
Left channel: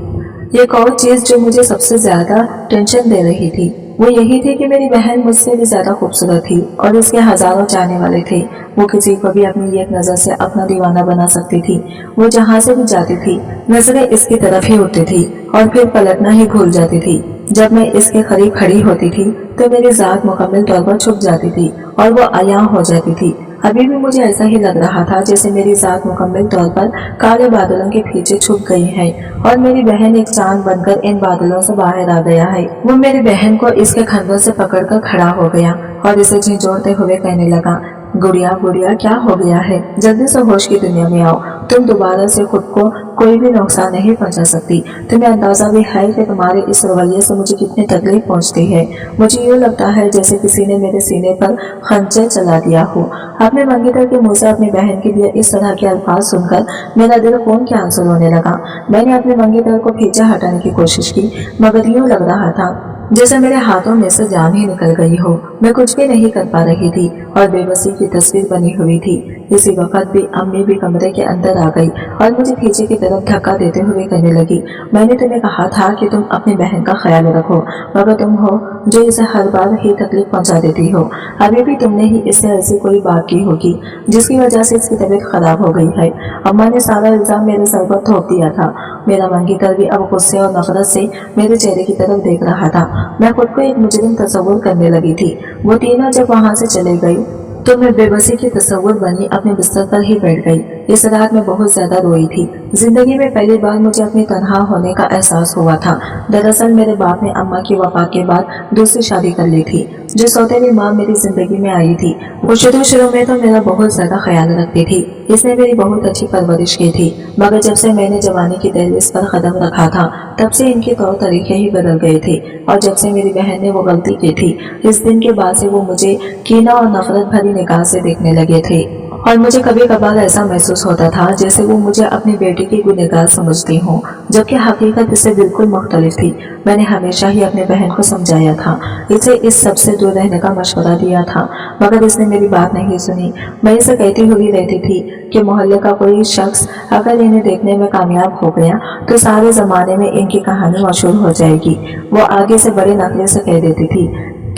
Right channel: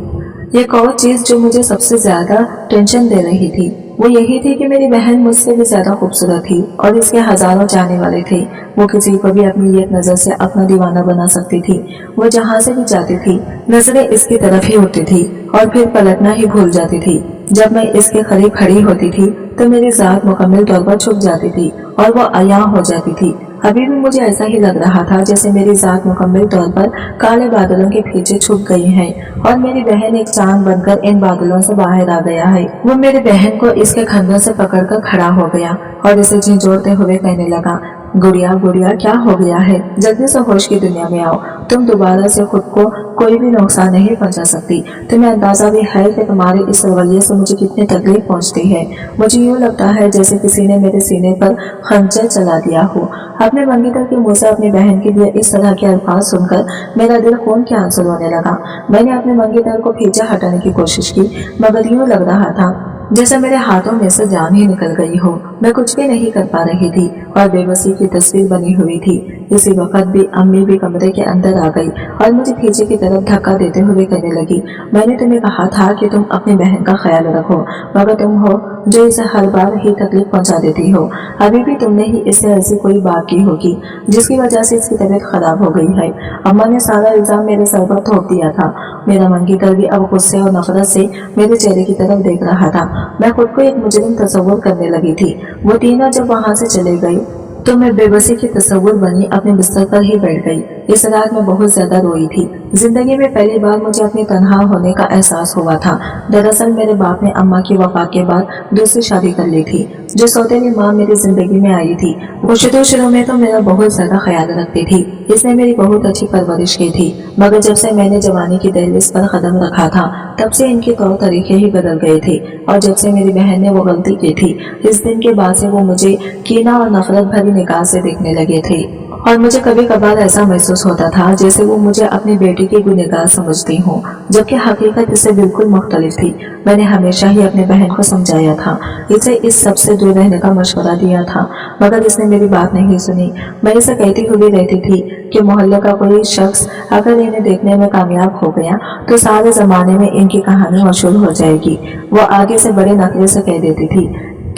एक और चीज जो मुझे सबसे ज्यादा टेंशन दे रही थी वो यही थी कि मेरी बहन मुझसे भी ज्यादा खूबसूरत थी और इसके हजारों चाहने वाले थे। वो किसी को भी अपनी एक नजर से अपना दीवाना बना सकती थी। वो जहाँ से भी जाती थी नजरें इसकी तरफ ही उठती थी और फिर पलटना ही भूल जाती थी। जब मैं इसके करीब खड़ी होती थी तो मेरी जात मुकम्मल तौर पर छुप जाती थी और वो अयां हो जाती थी। अभी भी मुझे ऐसा ही लग रहा था जैसे मेरी जात मुकम्मल तौर पर काले बादलों के पीछे छुप गई है और मेरी बहन एक चांद बनकर इन बादलों से बाहर आ गया है। वो मेरी बहन को इसके खंधों से पकड़कर खड़ा हो गया और इसे झिंझोड़ते हुए कहने लगा, गुड़िया गुड़िया क्या हो गया है? जल्दी से होश की दुनिया में आओ। तुम दोबारा से खुद को कोई भी नुकसान नहीं पहुंचा सकती। तुम्हें अंदाजा भी है कि तुम्हारे इस रवैये से मुझे कितनी तकलीफ पहुंचती है। मुझे यूँ लगता है जैसे किसी ने मेरे सीने पर खंजर चला दिया हो। अपने मंगेतर के मुंह से अपनी बहन के लिए इस तरह के अल्फाज सुनकर मेरा दिल खून के आंसू रोने लगा। मैंने अपने मंगेतर को पीछे हटाने की कोशिश की, मगर यूँ लग रहा था जैसे मेरे हाथों में से जान ही निकल गई हो। मैं कुछ भी नहीं कर पा रही थी और बेबसी की तस्वीर बनी हुई थी। इसी वक्त भी अम्मी भी कमरे के अंदर आ गई और मुझे पीछे की तरफ धक्का देते हुए कहने लगी, मैंने तुम्हें कहा था कि तुम अपनी बहन का ख्याल रखो, मगर तुम हो जो इसे हर बार ही तकलीफ पहुंचा देती हो। अभी भी तुमने ही इससे ऐसी कोई बात की होगी जिसकी वजह से इसकी तबीयत खराब हो गई है। अम्मा ने सारा इल्जाम मेरे सर पर थोप दिया था। मेरा मंगेतर भी अब गुस्से और नफरत से मेरे चेहरे की तरफ देख रहा था। मैं खुद को एक मुजरिम तस्वुर करने लगी थी। वो तीनों जब वहां से चले गई तो मैं बेबसी की तस्वुर बनी अपने बिस्तर पर ही बैठ गई। इस रात में बहुत ज्यादा रोई थी। जिंदगी में पहली बार मुझे अपने तन्हा होने का एहसास हुआ था। दरअसल मेरे बाप ने अम्मा की वफात के बाद दूसरी शादी कर ली थी। जो सौतेली माँ मेरी जिंदगी में आई थी वो शुरू में तो मेरा बहुत ज्यादा ख्याल रखती थी। इसने मेरी बहुत अच्छी परवरिश की थी, मगर जब से मैंने जवानी की दहलीज पर कदम रखा था तब से इनके तौर तरीके ही बदल गए थे। और जब से मेरी बहन ने वो गलती की थी, इस दिन के बाद से वो मुझे कीना और नफरत भरी निगाह से देखने लगे थे। और मुझे कभी कभार ऐसा महसूस होता था जैसे वो मुझे अपनी बेटी की गुनहगार समझती हूँ, जबकि हकीकत इससे बिल्कुल मुख्तलिफ थी। मैंने हमेशा ही अपनी बहन को समझाया था, इसे इस सब से दूर रहने का मशवरा दिया था, मगर इसने मेरी बात नहीं सुनी। मैं इसे कहती हुई रहती थी कि मोहल्ले का कोई शख्स अगर इन्हें देखने में कामयाब हो गया तो सारे ज़माने में इनकी कहानी मशहूर हो जाएगी। वो आगे से बड़े नखरे से कह देती थी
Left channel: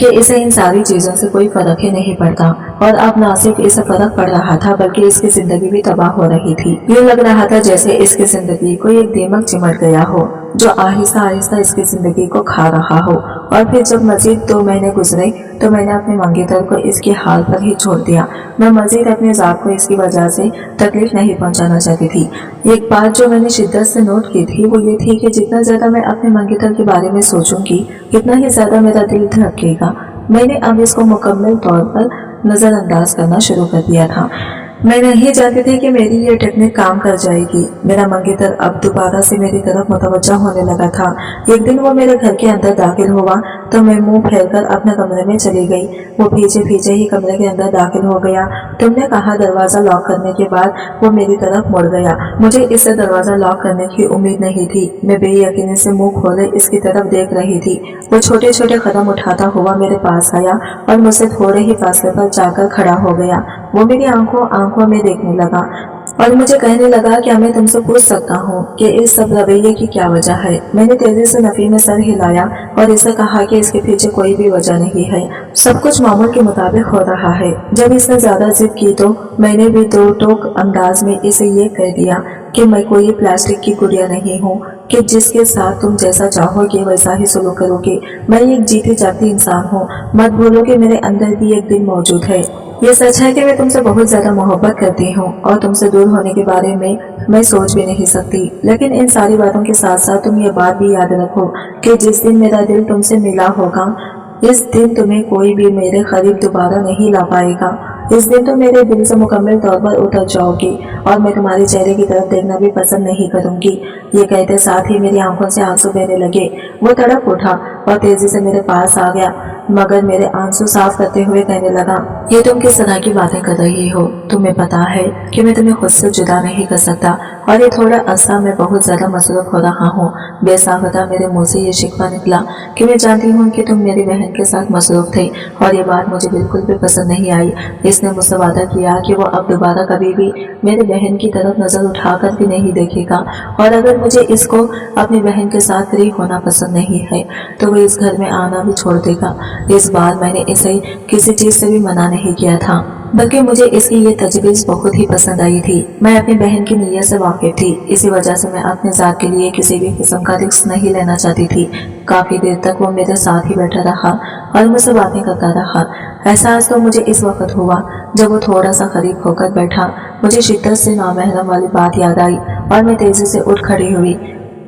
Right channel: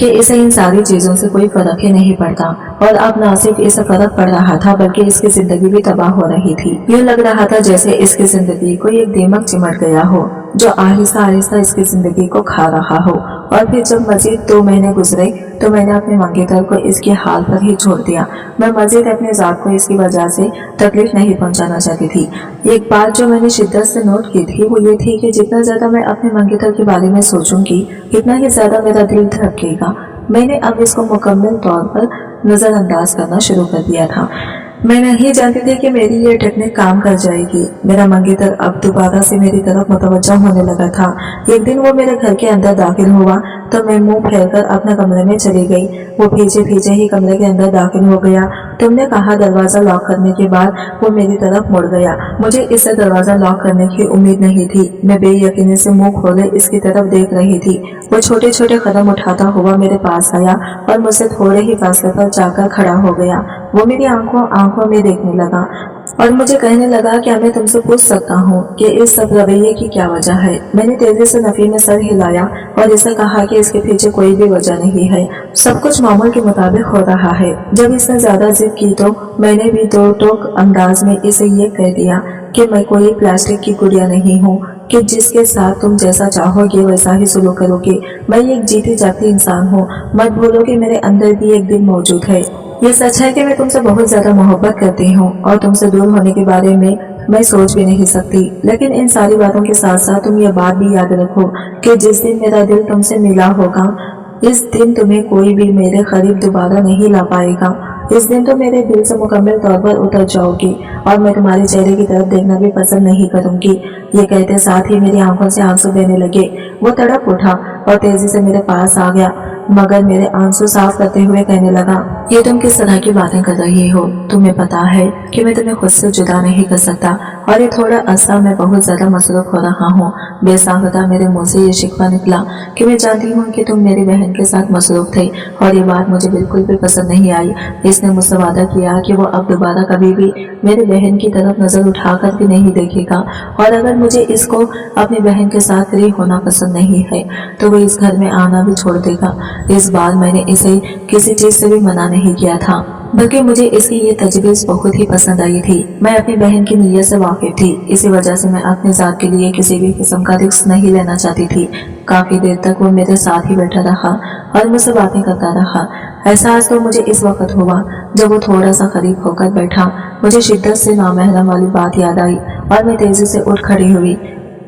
कि इसे इन सारी चीज़ों से कोई फ़र्क ही नहीं पड़ता, और अब ना सिर्फ इसे फ़र्क पड़ रहा था बल्कि इसकी ज़िंदगी भी तबाह हो रही थी। यूँ लग रहा था जैसे इसकी ज़िंदगी को एक दीमक चिमट गया हो जो आहिस्ता आहिस्ता इसकी ज़िंदगी को खा रहा हो। और फिर जब मज़ीद 2 महीने गुजरे तो मैंने अपने मंगेतर को इसके हाल पर ही छोड़ दिया। मैं मज़ीद अपने ज़ात को इसकी वजह से तकलीफ नहीं पहुंचाना चाहती थी। एक बात जो मैंने शिद्दत से नोट की थी वो ये थी कि जितना ज़्यादा मैं अपने मंगेतर के बारे में सोचूंगी इतना ही ज़्यादा मेरा दिल धड़केगा। मैंने अब इसको मुकम्मल तौर पर नज़रअंदाज करना शुरू कर दिया था। मैं नहीं जानती थी कि मेरी ये टेक्निक काम कर जाएगी। मेरा मंगेतर अब दोबारा से मेरी तरफ मुतवज्जा होने लगा था। एक दिन वो मेरे घर के अंदर दाखिल हुआ तो मैं मुंह फेरकर अपने कमरे में चली गई। वो भीजे भीजे ही कमरे के अंदर दाखिल हो गया। तुमने कहा दरवाज़ा लॉक करने के बाद वो मेरी तरफ मुड़ गया। मुझे इससे दरवाज़ा लॉक करने की उम्मीद नहीं थी। मैं बेयकीनी से मुँह खोले इसकी तरफ देख रही थी। वो छोटे छोटे कदम उठाता हुआ मेरे पास आया और मुझसे थोड़े ही फासले पर जाकर खड़ा हो गया। वो मेरी आंखों में देखने लगा और मुझे कहने लगा क्या मैं तुमसे पूछ सकता हूँ कि इस सब रवैये की क्या वजह है। मैंने तेजी से नफी में सर हिलाया और इसे कहा कि इसके पीछे कोई भी वजह नहीं है, सब कुछ मामूल के मुताबिक हो रहा है। जब इसने ज्यादा जिद की तो मैंने भी 2 टोक अंदाज में इसे ये कह दिया कि मैं कोई प्लास्टिक की गुड़िया नहीं हूँ कि जिसके साथ तुम जैसा चाहोगे वैसा ही सुलूक करोगे। मैं एक जीती जागती इंसान हूँ। मत भूलो कि मेरे अंदर भी एक दिल मौजूद है। ये सच है कि मैं तुमसे बहुत ज्यादा मोहब्बत करती हूँ और तुमसे दूर होने के बारे में मैं सोच भी नहीं सकती। लेकिन इन सारी बातों के साथ साथ तुम ये बात भी याद रखो कि जिस दिन मेरा दिल तुमसे मिला होगा इस दिन तुम्हें कोई भी मेरे करीब दोबारा नहीं ला पाएगा। इस दिन तो मेरे दिल से मुकम्मल तौर पर उतर जाओगी और मैं तुम्हारे चेहरे की तरफ देखना भी पसंद नहीं करूंगी। ये कहते साथ ही मेरी आंखों से आंसू बहने लगे। वो तड़प उठा और तेजी से मेरे पास आ गया, मगर मेरे आंसू साफ करते हुए कहने लगा, ये तुम किस तरह की बातें कर रही हो? तुम्हें पता है कि मैं तुम्हें खुद से जुदा नहीं कर सकता और ये थोड़ा अरसा मैं बहुत ज्यादा मसरूफ हो रहा हूँ। बेसाख्ता मेरे मुंह से ये शिकवा निकला कि मैं जानती हूँ कि तुम मेरी बहन के साथ मसरूफ थे और ये बात मुझे बिल्कुल भी पसंद नहीं आई। इसने मुझसे वादा किया कि वो अब दोबारा कभी भी मेरी बहन की तरफ नजर उठाकर भी नहीं देखेगा और अगर मुझे इसको अपनी बहन के साथ फ्री होना पसंद नहीं है तो वो इस घर में आना भी छोड़ देगा। इस बार मैंने इसे किसी चीज से भी मना नहीं किया था, बल्कि मुझे इसकी ये तजवीज़ बहुत ही पसंद आई थी। मैं अपनी बहन की नीयत से वाकिफ थी, इसी वजह से मैं अपने ज़ात के लिए किसी भी किस्म का रिस्क नहीं लेना चाहती थी। काफ़ी देर तक वो मेरे साथ ही बैठा रहा और मुझसे बातें करता रहा। एहसास तो मुझे इस वक्त हुआ जब वो थोड़ा सा करीब होकर बैठा। मुझे शिद्दत से नामहरम वाली बात याद आई और मैं तेज़ी से उठ खड़ी हुई।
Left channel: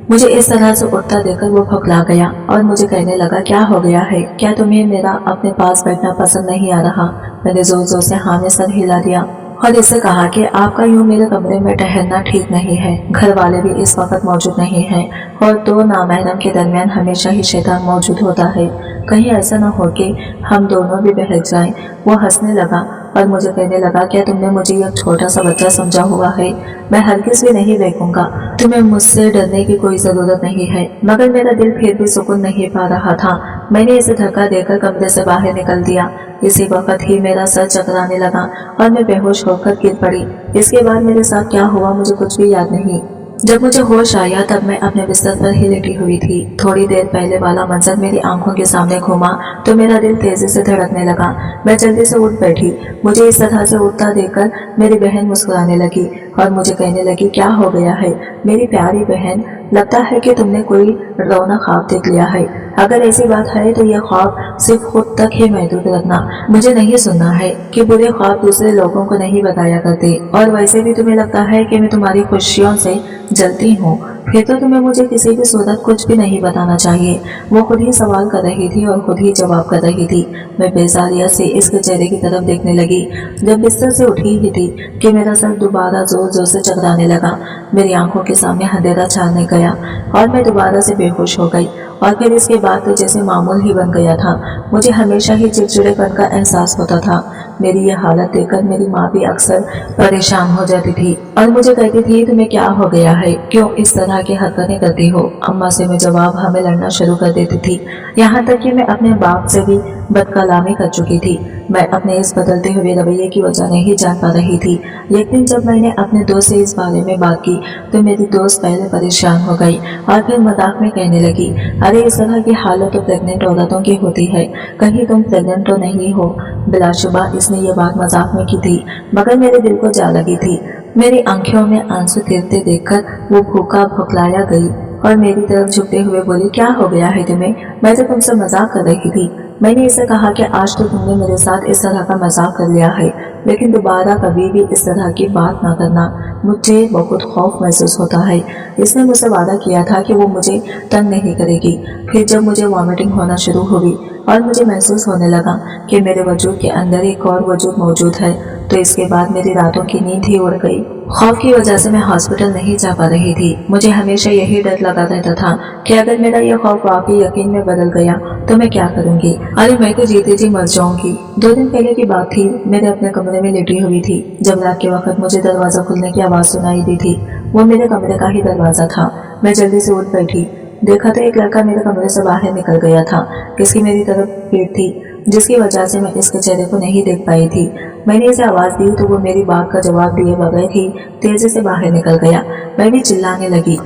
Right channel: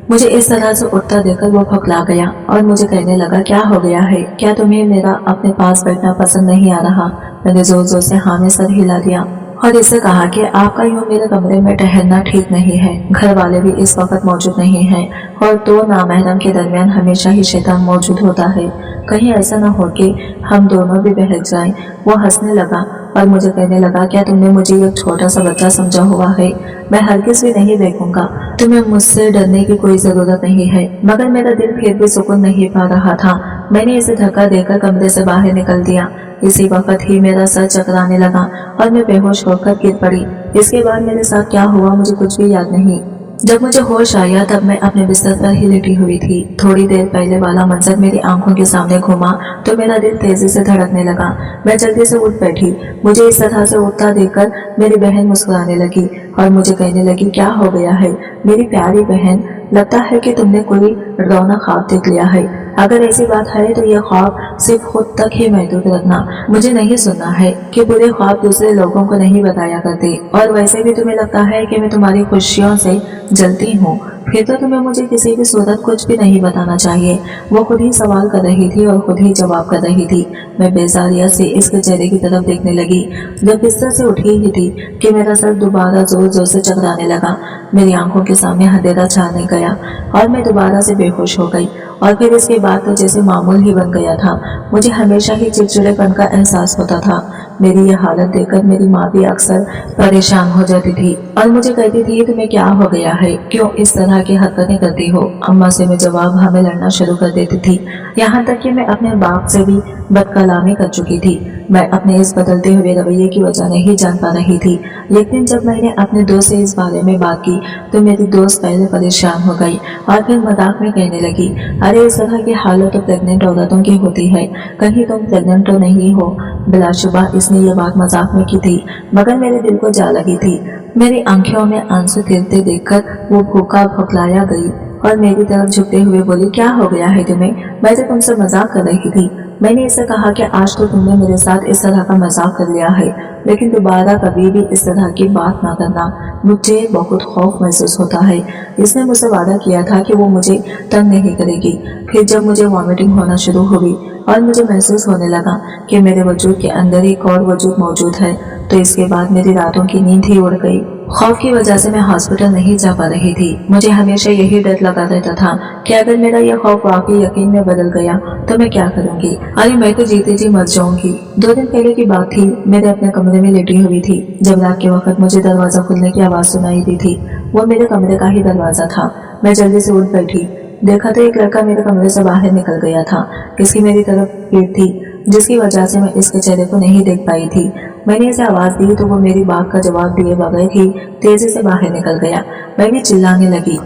मुझे इस तरह से उठता देखकर वो भौंकला गया और मुझे कहने लगा, क्या हो गया है? क्या तुम्हें मेरा अपने पास बैठना पसंद नहीं आ रहा? मैंने जोर जोर से हाँ में सर हिला दिया और इससे कहा कि आपका यूँ मेरे कमरे में ठहरना ठीक नहीं है। घर वाले भी इस वक्त मौजूद नहीं हैं और 2 नामहरम के दरमियान हमेशा ही शैतान मौजूद होता है। कहीं ऐसा न हो कि हम दोनों भी बहक जाएं। वो हंसने लगा और मुझे कहने लगा, क्या तुमने मुझे एक छोटा सा बच्चा समझा हुआ है? मैं हरगिज़ भी नहीं देखूंगा। तुम्हें मुझसे डरने की कोई ज़रूरत नहीं है। मगर मेरा दिल फिर भी सुकून नहीं पा रहा था। मैंने इसे धक्का देकर कमरे से बाहर निकल दिया। इसी वक्त ही मेरा सर चकराने लगा और मैं बेहोश होकर गिर पड़ी। इसके बाद मेरे साथ क्या हुआ मुझे कुछ भी याद नहीं। जब मुझे होश आया तब मैं अपने बिस्तर पर ही लेटी हुई थी। थोड़ी देर पहले वाला मंजर मेरी आंखों के सामने घूमा तो मेरा दिल तेजी से धड़कने लगा। मैं जल्दी से उठ बैठी। मुझे इस तरह से उठता देखकर मेरी बहन मुस्कुराने लगी और मुझे कहने लगी, क्या हो गया है मेरी प्यारी बहन? लगता है कि तुमने कोई डरावना ख्वाब देख लिया है। अगर ऐसी बात है तो यह ख्वाब सिर्फ खुद तक ही महदूद रखना। मुझे नहीं सुनना है कि बुरे ख्वाब दूसरे लोगों को नहीं बताया करते। और वैसे भी तुम्हें लगता है कि मैं तुम्हारी खुशियों से जलती हूँ, फिर तो तुम्हें मुझे किसी भी सूरत कुछ भी नहीं बताना चाहिए। वो खुद ही सवाल कर रही थी और खुद ही जवाब कर रही थी। मैं बेजारियत से इसके चेहरे की तरफ देखने लगी। जब बिस्तर से उठी ही थी कि मेरा सर दोबारा जोर जोर से चकराने लगा। मेरी आंखों के सामने अंधेरा छाने गया और मैं दोबारा से बेहोश हो गई। और फिर इसके बाद तो जैसे मामूल ही बन गया था। मुझे हमेशा ही चिड़चिड़ेपन का एहसास होता था। मेरी यह हालत देखकर मेरी माँ भी अक्सर परेशान हो जाती थी और मुझे कहती थी तुम्हें क्या हो गया है, क्यों इस तरह की हरकतें करती हो। अम्मा से मैं जवाब हमें लड़ना शुरू कर देती थी, यहाँ तक कि मैं अपने बाप से भी बदकलामी कर चुकी थी। मैं अपने इस बदलते हुए रवैये की वजह नहीं जान पा रही थी। एक दिन जब मैंने अपने दोस्त से इस बारे में बात की तो मेरी दोस्त पहले परेशान हो गई और फिर मजाक में कहने लगी, अरे इस तरह की हालत तो प्रेग्नेंट औरतों की होती है, कहीं तुम प्रेग्नेंट तो नहीं हो। बिलाशुबा इसने ये बात मजाक में की थी, मगर मेरे दिल को जा लगी थी। मेरी आंखों में आंसू गिरते देखकर वो भूखा भुखलाया गई और मेरी तरफ झुकते हुए बोली, क्या हो गया है तुम्हें, मैं तो तुमसे मजाक कर रही थी। मैंने इसे कहा कि आज तो तुमने मेरे साथ इस तरह का मजाक कर लिया है, लेकिन दोबारा कभी भी इस तरह की बात ना करना, मुझे बहुत खौफ महसूस होता है। इसने मुझसे वादा किया था कि वो मुझे तंग नहीं करेगी। फिर जब मुझे वॉमिटिंग होना शुरू हुई और मुझे महसूस होने लगा कि मेरे वजूद के अंदर एक और वजूद मौजूद है, तो इसके बाद मेरी रातों की नींद ही उड़ गई। खौफ की वजह से मैं हॉस्पिटल नहीं जा पा रही थी। मुझे हमेशा यही डर लगा रहता था कि अगर मेरा यह खौफ वाकई यकीन में बदल गया तो मैं क्या करूंगी। अरे मैं तो जीते जी मर जाऊंगी। 2 दिन पहले की बात थी, मेरे अपने कमरे में लेटी हुई थी जब रात के वक्त मुझे दरवाजा खुलने की आवाज़ सुनाई दी थी। वो मेरे कमरे का ही दरवाज़ा था। मैं जल्दी से उठ बैठी, देखा तो एक लड़का मेरे कमरे से बाहर निकल गया था। इसकी मेरी तरफ भीड़ थी जिसकी वजह से मैं इसके चेहरे को नहीं देख पाई थी। मैंने इसे आवाज़ दी तो वो मेरी बात का जवाब दिए बगैर ही तेजी से बाहर निकल गया। मैं भी चिल्लाने लगी।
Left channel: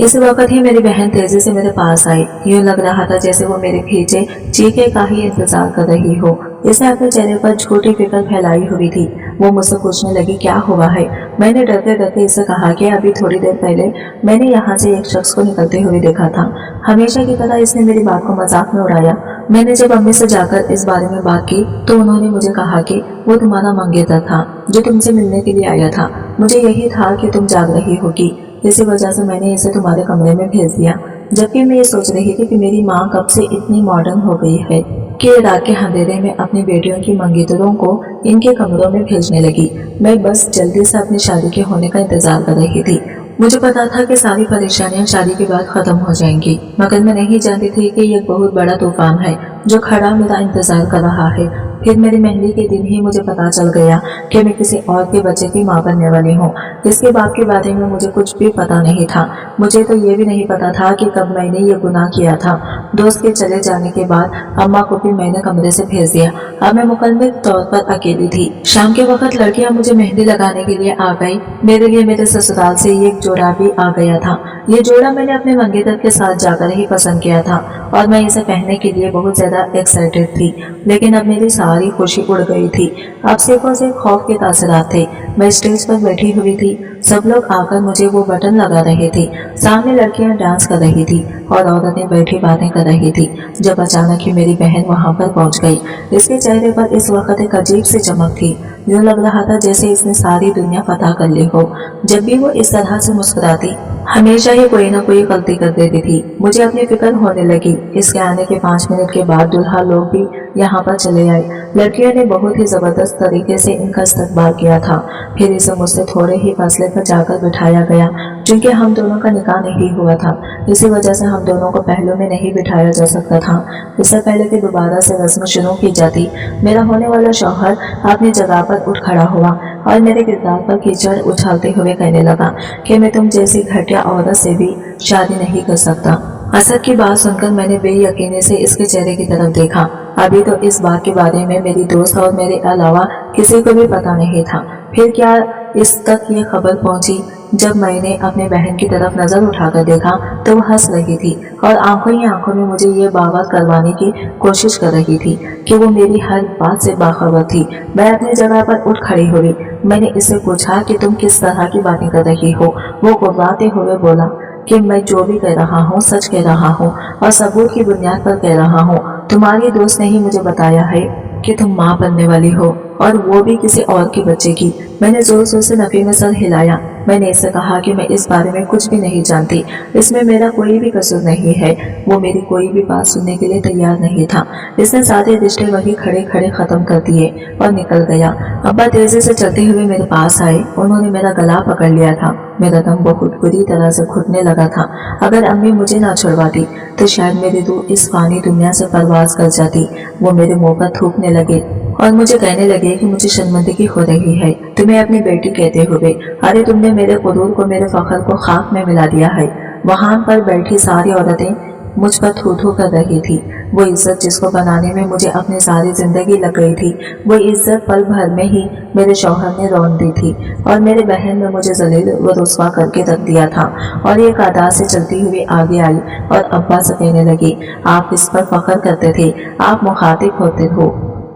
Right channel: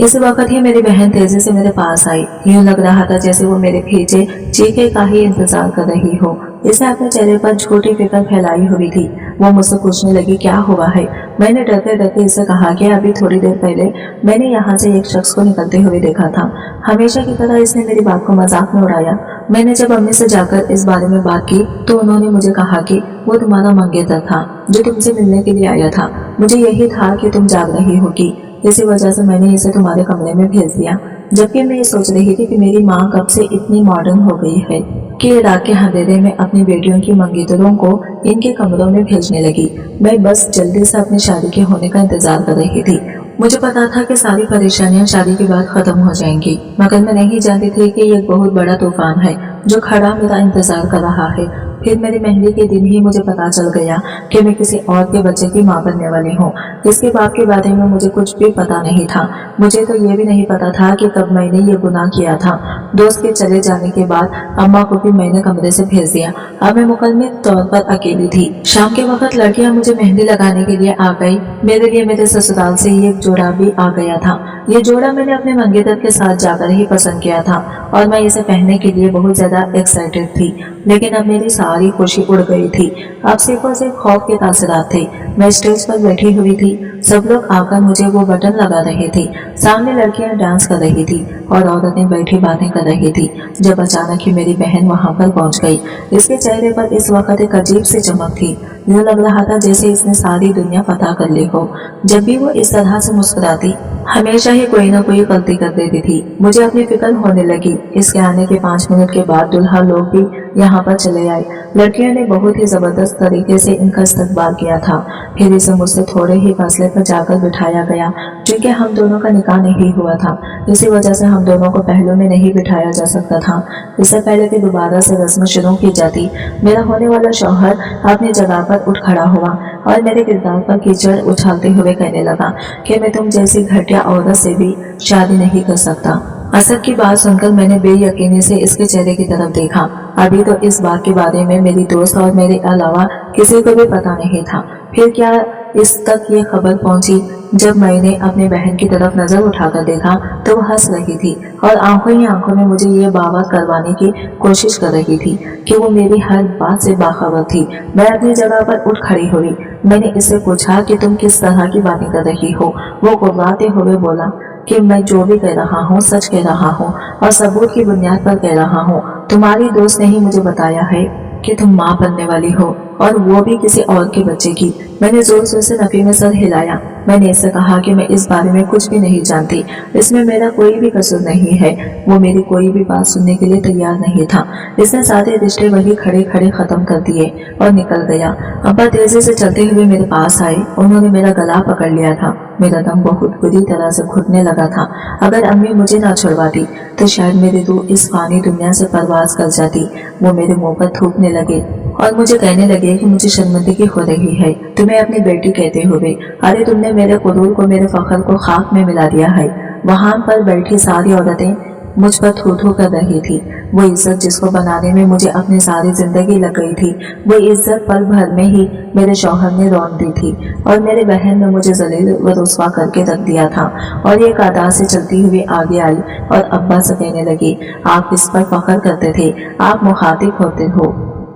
इस वक्त ही मेरी बहन तेजी से मेरे पास आई। यूं लग रहा था जैसे वो मेरे खींचे चीखे का ही इंतजार कर रही हो। इसने अपने चेहरे पर झूठी फिक्र फैलाई हुई थी। वो मुझसे पूछने लगी, क्या हुआ है। मैंने डरते डरते इसे कहा कि अभी थोड़ी देर पहले मैंने यहाँ से एक शख्स को निकलते हुए देखा था। हमेशा की तरह इसने मेरी बात को मजाक में उड़ाया। मैंने जब अम्मी से जाकर इस बारे में बात की तो उन्होंने मुझे कहा कि वो तुम्हारा मंगेतर था जो तुमसे मिलने के लिए आया था। मुझे यही था कि तुम जाग रही होगी, इसी वजह से मैंने इसे तुम्हारे कमरे में भेज दिया। जबकि मैं ये सोच रही थी कि मेरी माँ कब से इतनी मॉडर्न हो गई है कि रात के अंधेरे में अपनी बेटियों की मंगेतरों को इनके कमरों में भेजने लगी। मैं बस जल्दी से अपनी शादी के होने का इंतजार कर रही थी। मुझे पता था कि सारी परेशानियां शादी के बाद खत्म हो जाएंगी, मगर मैं नहीं जानती थी कि यह बहुत बड़ा तूफान है जो खड़ा मेरा इंतजार कर रहा है। फिर मेरी मेहंदी के दिन ही मुझे पता चल गया कि मैं किसी और के बच्चे की मां बनने वाली हूँ। इसके बाप के बारे में मुझे कुछ भी पता नहीं था। मुझे तो ये भी नहीं पता था कि कब मैंने ये गुनाह किया था। दोस्त के चले जाने के बाद अम्मा को भी मैंने कमरे से भेज दिया। अब मैं मुकम्मल तौर पर अकेली थी। शाम के वक्त लड़कियां मुझे मेहंदी लगाने के लिए आ गई। मेरे लिए मेरे ससुराल से ये एक जोड़ा भी आ गया था। ये जोड़ा मैंने अपने मंगेतर के साथ जाकर ही पसंद किया था और मैं इसे पहनने के लिए बहुत ज्यादा एक्साइटेड थी, लेकिन अब मेरी सारी खुशी उड़ गई थी। अब सिर्फ और सिर्फ खौफ के तासरात थे। मैं स्टेज पर बैठी हुई थी, सब लोग आकर मुझे वो बटन लगा रहे थे। सामने लड़कियां डांस कर रही थी और औरतें बैठी बातें कर रही थी। जब अचानक ही मेरी बहन वहां पर पहुंच गई। इसके चेहरे पर इस वक्त एक अजीब सी चमक थी। यूं लग रहा था जैसे इसने सारी दुनिया फतह कर ली हो। जब भी वो इस तरह से मुस्कुराती हमेशा ही कोई ना कोई गलती कर देती थी। मुझे अपनी फिक्र होने लगी। इसके आने के 5 मिनट के बाद दुल्हा लोग भी यहाँ पर चले आए। लड़कियों ने बहुत ही जबरदस्त तरीके से इनका इस्तकबाल किया था। फिर इसे मुझसे थोड़े ही फासले पर जाकर बिठाया गया, क्योंकि हम दोनों का निकाह नहीं हुआ था। इसी वजह से हम दोनों को पहलू में नहीं बिठाया जा सकता था। इससे पहले कि दोबारा से रस्म शुरू की जाती, मेरा होने वाला शौहर अपनी जगह पर उठ खड़ा हुआ और मेरे किरदार पर कीचड़ उछालते हुए कहने लगा कि मैं तुम जैसी घटिया औरत से भी शादी नहीं कर सकता। असद की बात सुनकर मैंने बेयकीनी से इसके चेहरे की तरफ देखा। अभी तो इस बात के बारे में मेरी दोस्त और मेरे अलावा किसी को भी पता नहीं था। फिर क्या इस तक ये खबर पहुंची। जब मैंने अपनी बहन की तरफ नजर उठाकर देखा तो वह हंस रही थी और आंखों ही आंखों में मुझे ये बावत करवाने की कोशिश कर रही थी कि वो मेरी हर बात से बाखबर थी। मैं अपनी जगह पर उठ खड़ी हुई। मैंने इससे पूछा कि तुम किस तरह की बातें कर रही हो। वो गुर्राते हुए बोला कि मैं जो भी कह रहा हूँ सच कह रहा हूँ और सबूत की बुनियाद पर कह रहा हूँ। तुम्हारी दोस्त ने ही मुझे बताया है कि तुम माँ बनने वाली हो, और वो भी किसी और के बच्चे की। मैंने जोर जोर से नफी में सर हिलाया। मैंने इससे कहा कि मैं इस बारे में कुछ भी नहीं जानती, इसमें मेरा कोई भी कसूर नहीं है। वो मेरी कोई भी बात सुनने के लिए तैयार नहीं था। इसने सारे रिश्ते वही खड़े खड़े खत्म कर दिए और निकल गया। अब्बा तेजी से चलते हुए मेरे पास आए। उन्होंने मेरा गला पकड़ लिया था। मेरा दम बहुत बुरी तरह से घुटने लगा था। अगर अम्मी मुझे ना छुड़वाती तो शायद मेरी रूह इस फानी दुनिया से परवाज कर जाती। वो मेरे मुंह पर थूकने लगे और मुझे कहने लगे लगे कि मुझे शर्मिंदगी हो रही है तुम्हें अपनी बेटी कहते हुए। अरे तुमने मेरे गुरूर को, मेरे फख्र को खाक में मिला दिया है। वहां पर बैठी सारी औरतें मुझ पर थू थू कर रही थी। वो इज्जत जिसको बनाने में मुझे अपनी सारी जिंदगी लग गई थी, वो इज्जत पल भर में ही मेरे शौहर ने रौंद दी थी और मेरे बहन ने मुझे जलील व रुस्वा करके रख दिया था। और ये कादा से चलती हुई आगे आई और अब्बा से कहने लगी, आप इस पर फख्र करते थे, आप मुखातिब होते हो,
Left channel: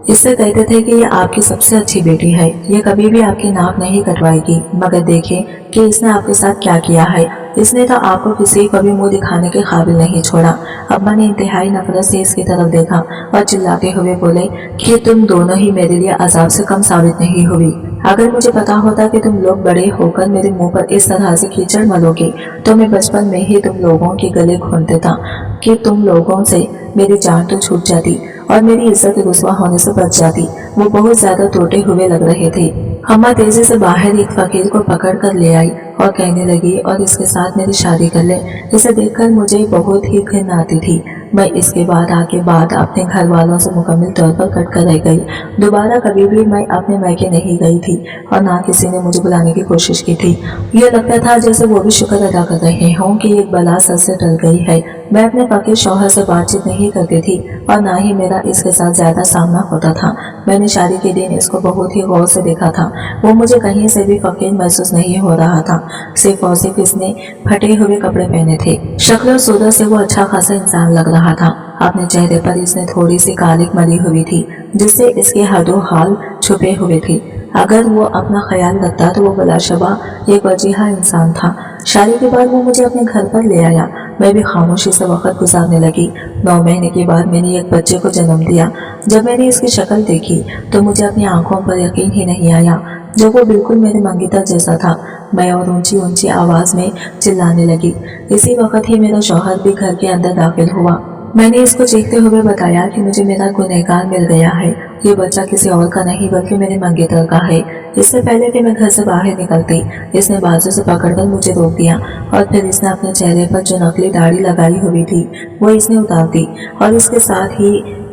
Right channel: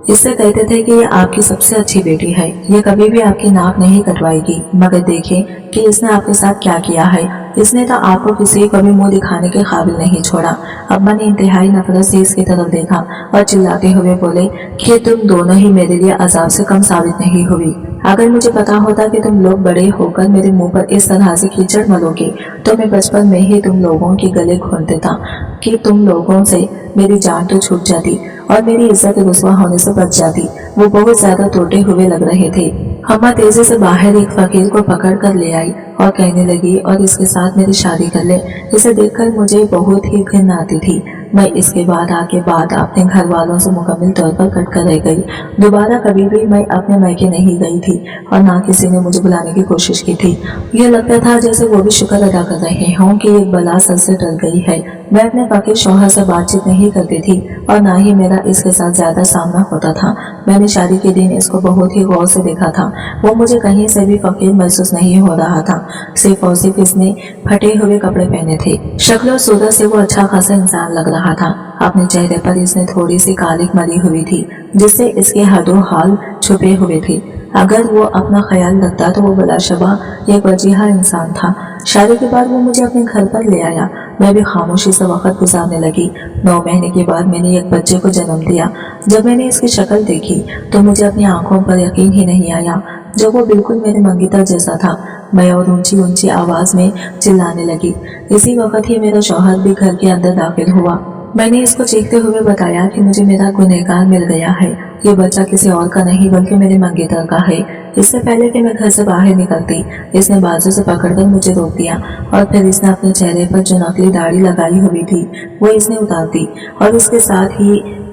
इससे कहते थे कि ये आपकी सबसे अच्छी बेटी है, ये कभी भी आपकी नाक नहीं कटवाएगी। मगर देखें कि इसने आपके साथ क्या किया है। इसने तो आपको किसी को भी मुंह दिखाने के काबिल नहीं छोड़ा। अब्बा ने इंतहाई नफरत से इसकी तरफ देखा और चिल्लाते हुए बोले कि तुम दोनों ही मेरे लिए अजाब से कम साबित नहीं हुई। अगर मुझे पता होता कि तुम लोग बड़े होकर मेरे मुंह पर इस तरह से कीचड़ मलोगे तो मैं बचपन में ही तुम लोगों के गले घोंट देता कि तुम लोगों से मेरी जान तो छूट जाती और मेरी इज्जत रुस्वा होने से बच जाती। वो बहुत ज्यादा टूटे हुए लग रहे थे। अम्मा तेजी से बाहर एक फकीर को पकड़ कर ले आई और कहने लगी, और इसके साथ मेरी शादी कर ले। इसे देखकर मुझे बहुत ही घिन आती थी। मैं इसके बाद आगे बात अपने घर वालों से मुकम्मल तौर पर कट कर रह गई। दोबारा कभी भी मैं अपने मैके नहीं गई थी और ना किसी ने मुझे बुलाने की कोशिश की थी। ये लगता था जैसे वो भी शुक्र अदा कर रहे हों कि एक बला सर से टल गई है। मैं अपने फकीर शौहर से बातचीत नहीं करती थी और ना ही मेरा इसके साथ ज्यादा सामना होता था। मैंने शादी के दिन इसको बहुत ही गौर से देखा था। वो मुझे कहीं से भी फकीर महसूस नहीं हो रहा था। सिर्फ और सिर्फ इसने फटे हुए कपड़े पहने थे। शक्ल और सूरत से वो अच्छा खासा इंसान लग रहा था। अपने चेहरे पर इसने थोड़ी सी कालिक मली हुई थी जिससे इसके हदो हाल छुपे हुए थे। अगर वो अपना ख्याल रखता तो वो बलाशबा एक वजीहा इंसान था। शादी के बाद वो मुझे अपने घर पर ले आया। मैं भी खामोशी से वक्त गुजारने लगी। 9 महीने के बाद मैंने एक बच्चे को जन्म दिया। जब मैंने इसकी शक्ल देखी तो मुझे अपनी आंखों पर यकीन ही नहीं आया। जब वो बिल्कुल मेरे मंगीतर जैसा था। मैं और ऊंची ऊंची आवाज में चिल्लाने लगी। इसी वक्त ही मेरा शौहर भी घर के अंदर दाखिल हुआ। मैंने इसको चीखते हुए बताया कि मुझे मेरा गुनहगार मिल गया है। ये बच्चा किसी और का नहीं बल्कि मेरे मंगेतर का है। इससे पहले कि मैं घर से बाहर निकलती, इसने बाजू से पकड़कर मुझे रोक दिया और फिर इसने अपने चेहरे पर जो नकली दाढ़ी लगाई हुई थी वो इसने उतार दी और इसके साथ ही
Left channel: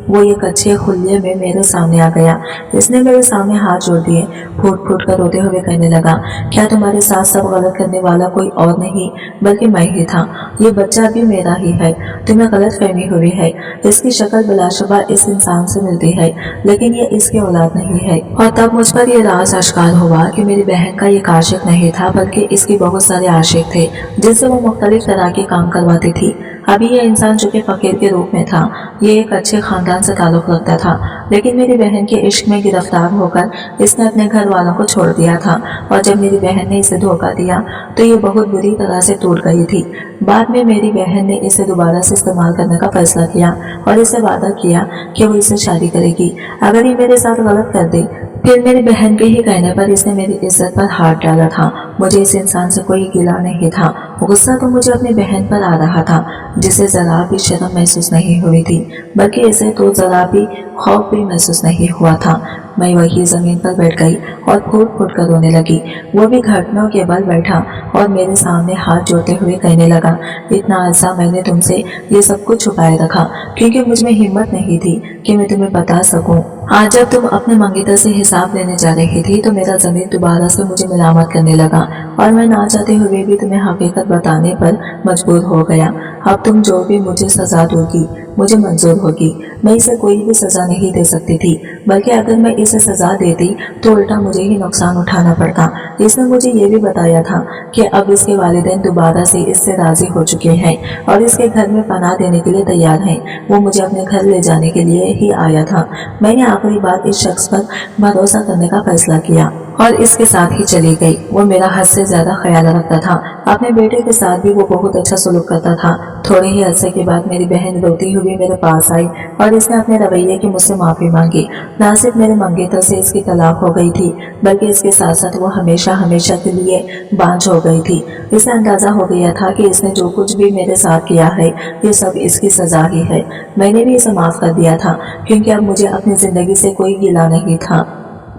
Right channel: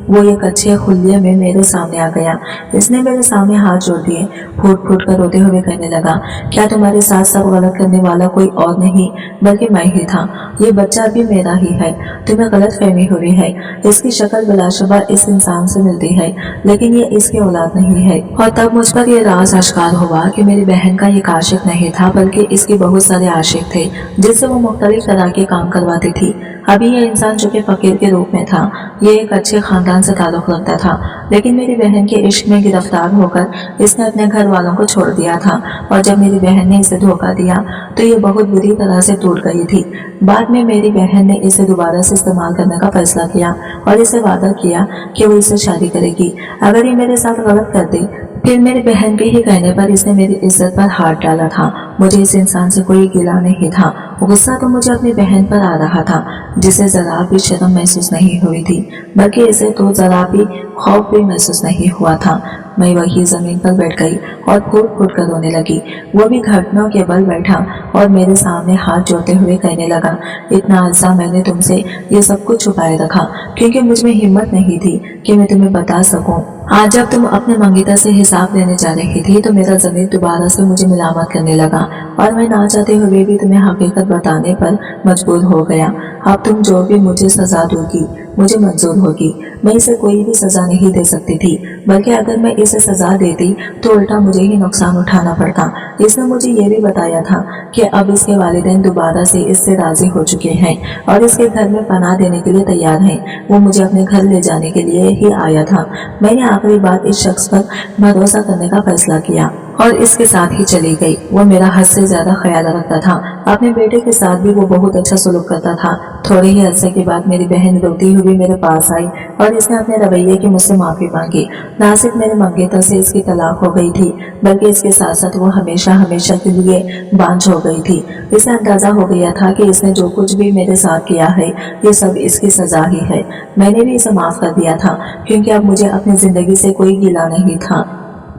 वो एक अच्छे खुल्ले में मेरे सामने आ गया। इसने मेरे सामने हाथ जोड़ दिए, फूट फूट कर रोते हुए कहने लगा, क्या तुम्हारे साथ सब गलत करने वाला कोई और नहीं बल्कि मैं ही था। ये बच्चा भी मेरा ही है। तुम्हें गलत फहमी हुई है। इसकी शक्ल बिलाशुबा इस इंसान से मिलती है लेकिन ये इसकी औलाद नहीं है। और तब मुझ पर यह राज आश्कार हुआ कि मेरी बहन का एक आशिक नहीं था बल्कि इसके बहुत सारे आशिक थे जिससे वो मुख्तलिफ तरह के काम करवाती थी। अभी यह इंसान जो कि फकीर के रूप में था, ये एक अच्छे खानदान से ताल्लुक रखता था लेकिन मेरी बहन के इश्क में गिरफ्तार होकर इसने अपने घर वालों को छोड़ दिया था। और जब मेरी बहन ने इसे धोखा दिया तो ये बहुत बुरी तरह से टूट गई थी। बाद में मेरी बहन ने इसे दोबारा से इस्तेमाल करने का फैसला किया और इसे वादा किया कि वो इससे शादी करेगी अगर ये मेरे साथ गलत कर दे। फिर मेरी बहन के ही कहने पर इसने मेरी इज्जत पर हाथ डाला था। मुझे इस इंसान से कोई गिला नहीं था। गुस्सा तो मुझे अपनी बहन पर आ रहा था जिसे जरा भी शर्म महसूस नहीं हुई थी बल्कि इसे तो जरा भी खौफ भी महसूस नहीं हुआ था। मैं वही जमीन पर बैठ गई और फूट फूट कर रोने लगी। वो भी घुटनों के बल बैठा और मेरे सामने हाथ जोड़ते हुए कहने लगा, इतना अरसा मैंने तुमसे ये सब कुछ छुपाए रखा क्योंकि मुझ में हिम्मत नहीं थी कि मैं तुम्हें बता सकूं। आज जब तुम अपने मंगीतर से हिसाब लेने जा रही थी तो मेरा ज़मीर दोबारा से मुझे मिलामत करने लगा और मैं ना चाहते हुए भी तुम्हें हकीकत बताने पर मजबूर हो गया। अब तुम जो भी मुझे सजा दोगी मुझे मंजूर होगी। मैं इसे कोई भी सजा नहीं दे सकती थी बल्कि अगर मैं इसे सजा देती तो उल्टा मुझे ही नुकसान उठाना पड़ता। इसने मुझे ये भी बताया था कि अब इसके वालिदैन दोबारा से इससे राजी हो चुके हैं और इसके घर में पनाह देने के लिए तैयार हैं। वो मुझे अपने घर ले जाने के लिए ही आया था। मैंने आखिरी बार इस शख्स पर भरोसा करने का फैसला किया और इसके साथ ही चली गई। वो मेरा हद से ज्यादा ख्याल रखता था। अपने बेटे के साथ भी वो बहुत अच्छा सलूक करता था। थोड़े ही अरसे के बाद मेरी बहन रोती हुई मेरे पास आई और इसने अपने रवैये की मुझसे माफी मांगी। ना सिर्फ मेरे मंगेतर से इसकी तलाक हो गई थी बल्कि इसके साथ साथ वो हमेशा हमेशा के लिए बांझ हो गई थी। इसे अंदाजा हो गया था कि इसने जो कुछ भी मेरे साथ किया है ये सब इसकी सजा ही है। मैंने भी इसे माफ कर दिया था क्योंकि अब मुझे अपनी जिंदगी से कोई गिला नहीं था।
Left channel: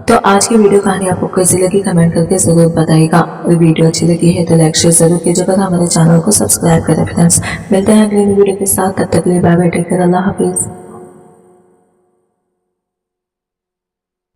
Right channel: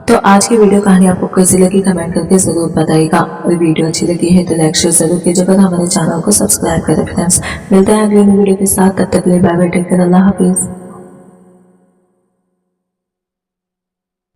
तो आज की वीडियो कहानी आपको कैसी लगी कमेंट करके जरूर बताइएगा और वीडियो अच्छी लगी है तो लाइक शेयर जरूर कीजिएगा। हमारे चैनल को सब्सक्राइब करें फ्रेंड्स। मिलते हैं अगले वीडियो के साथ, तब तक के लिए बाय बाय, टेक केयर, अल्लाह हाफिज।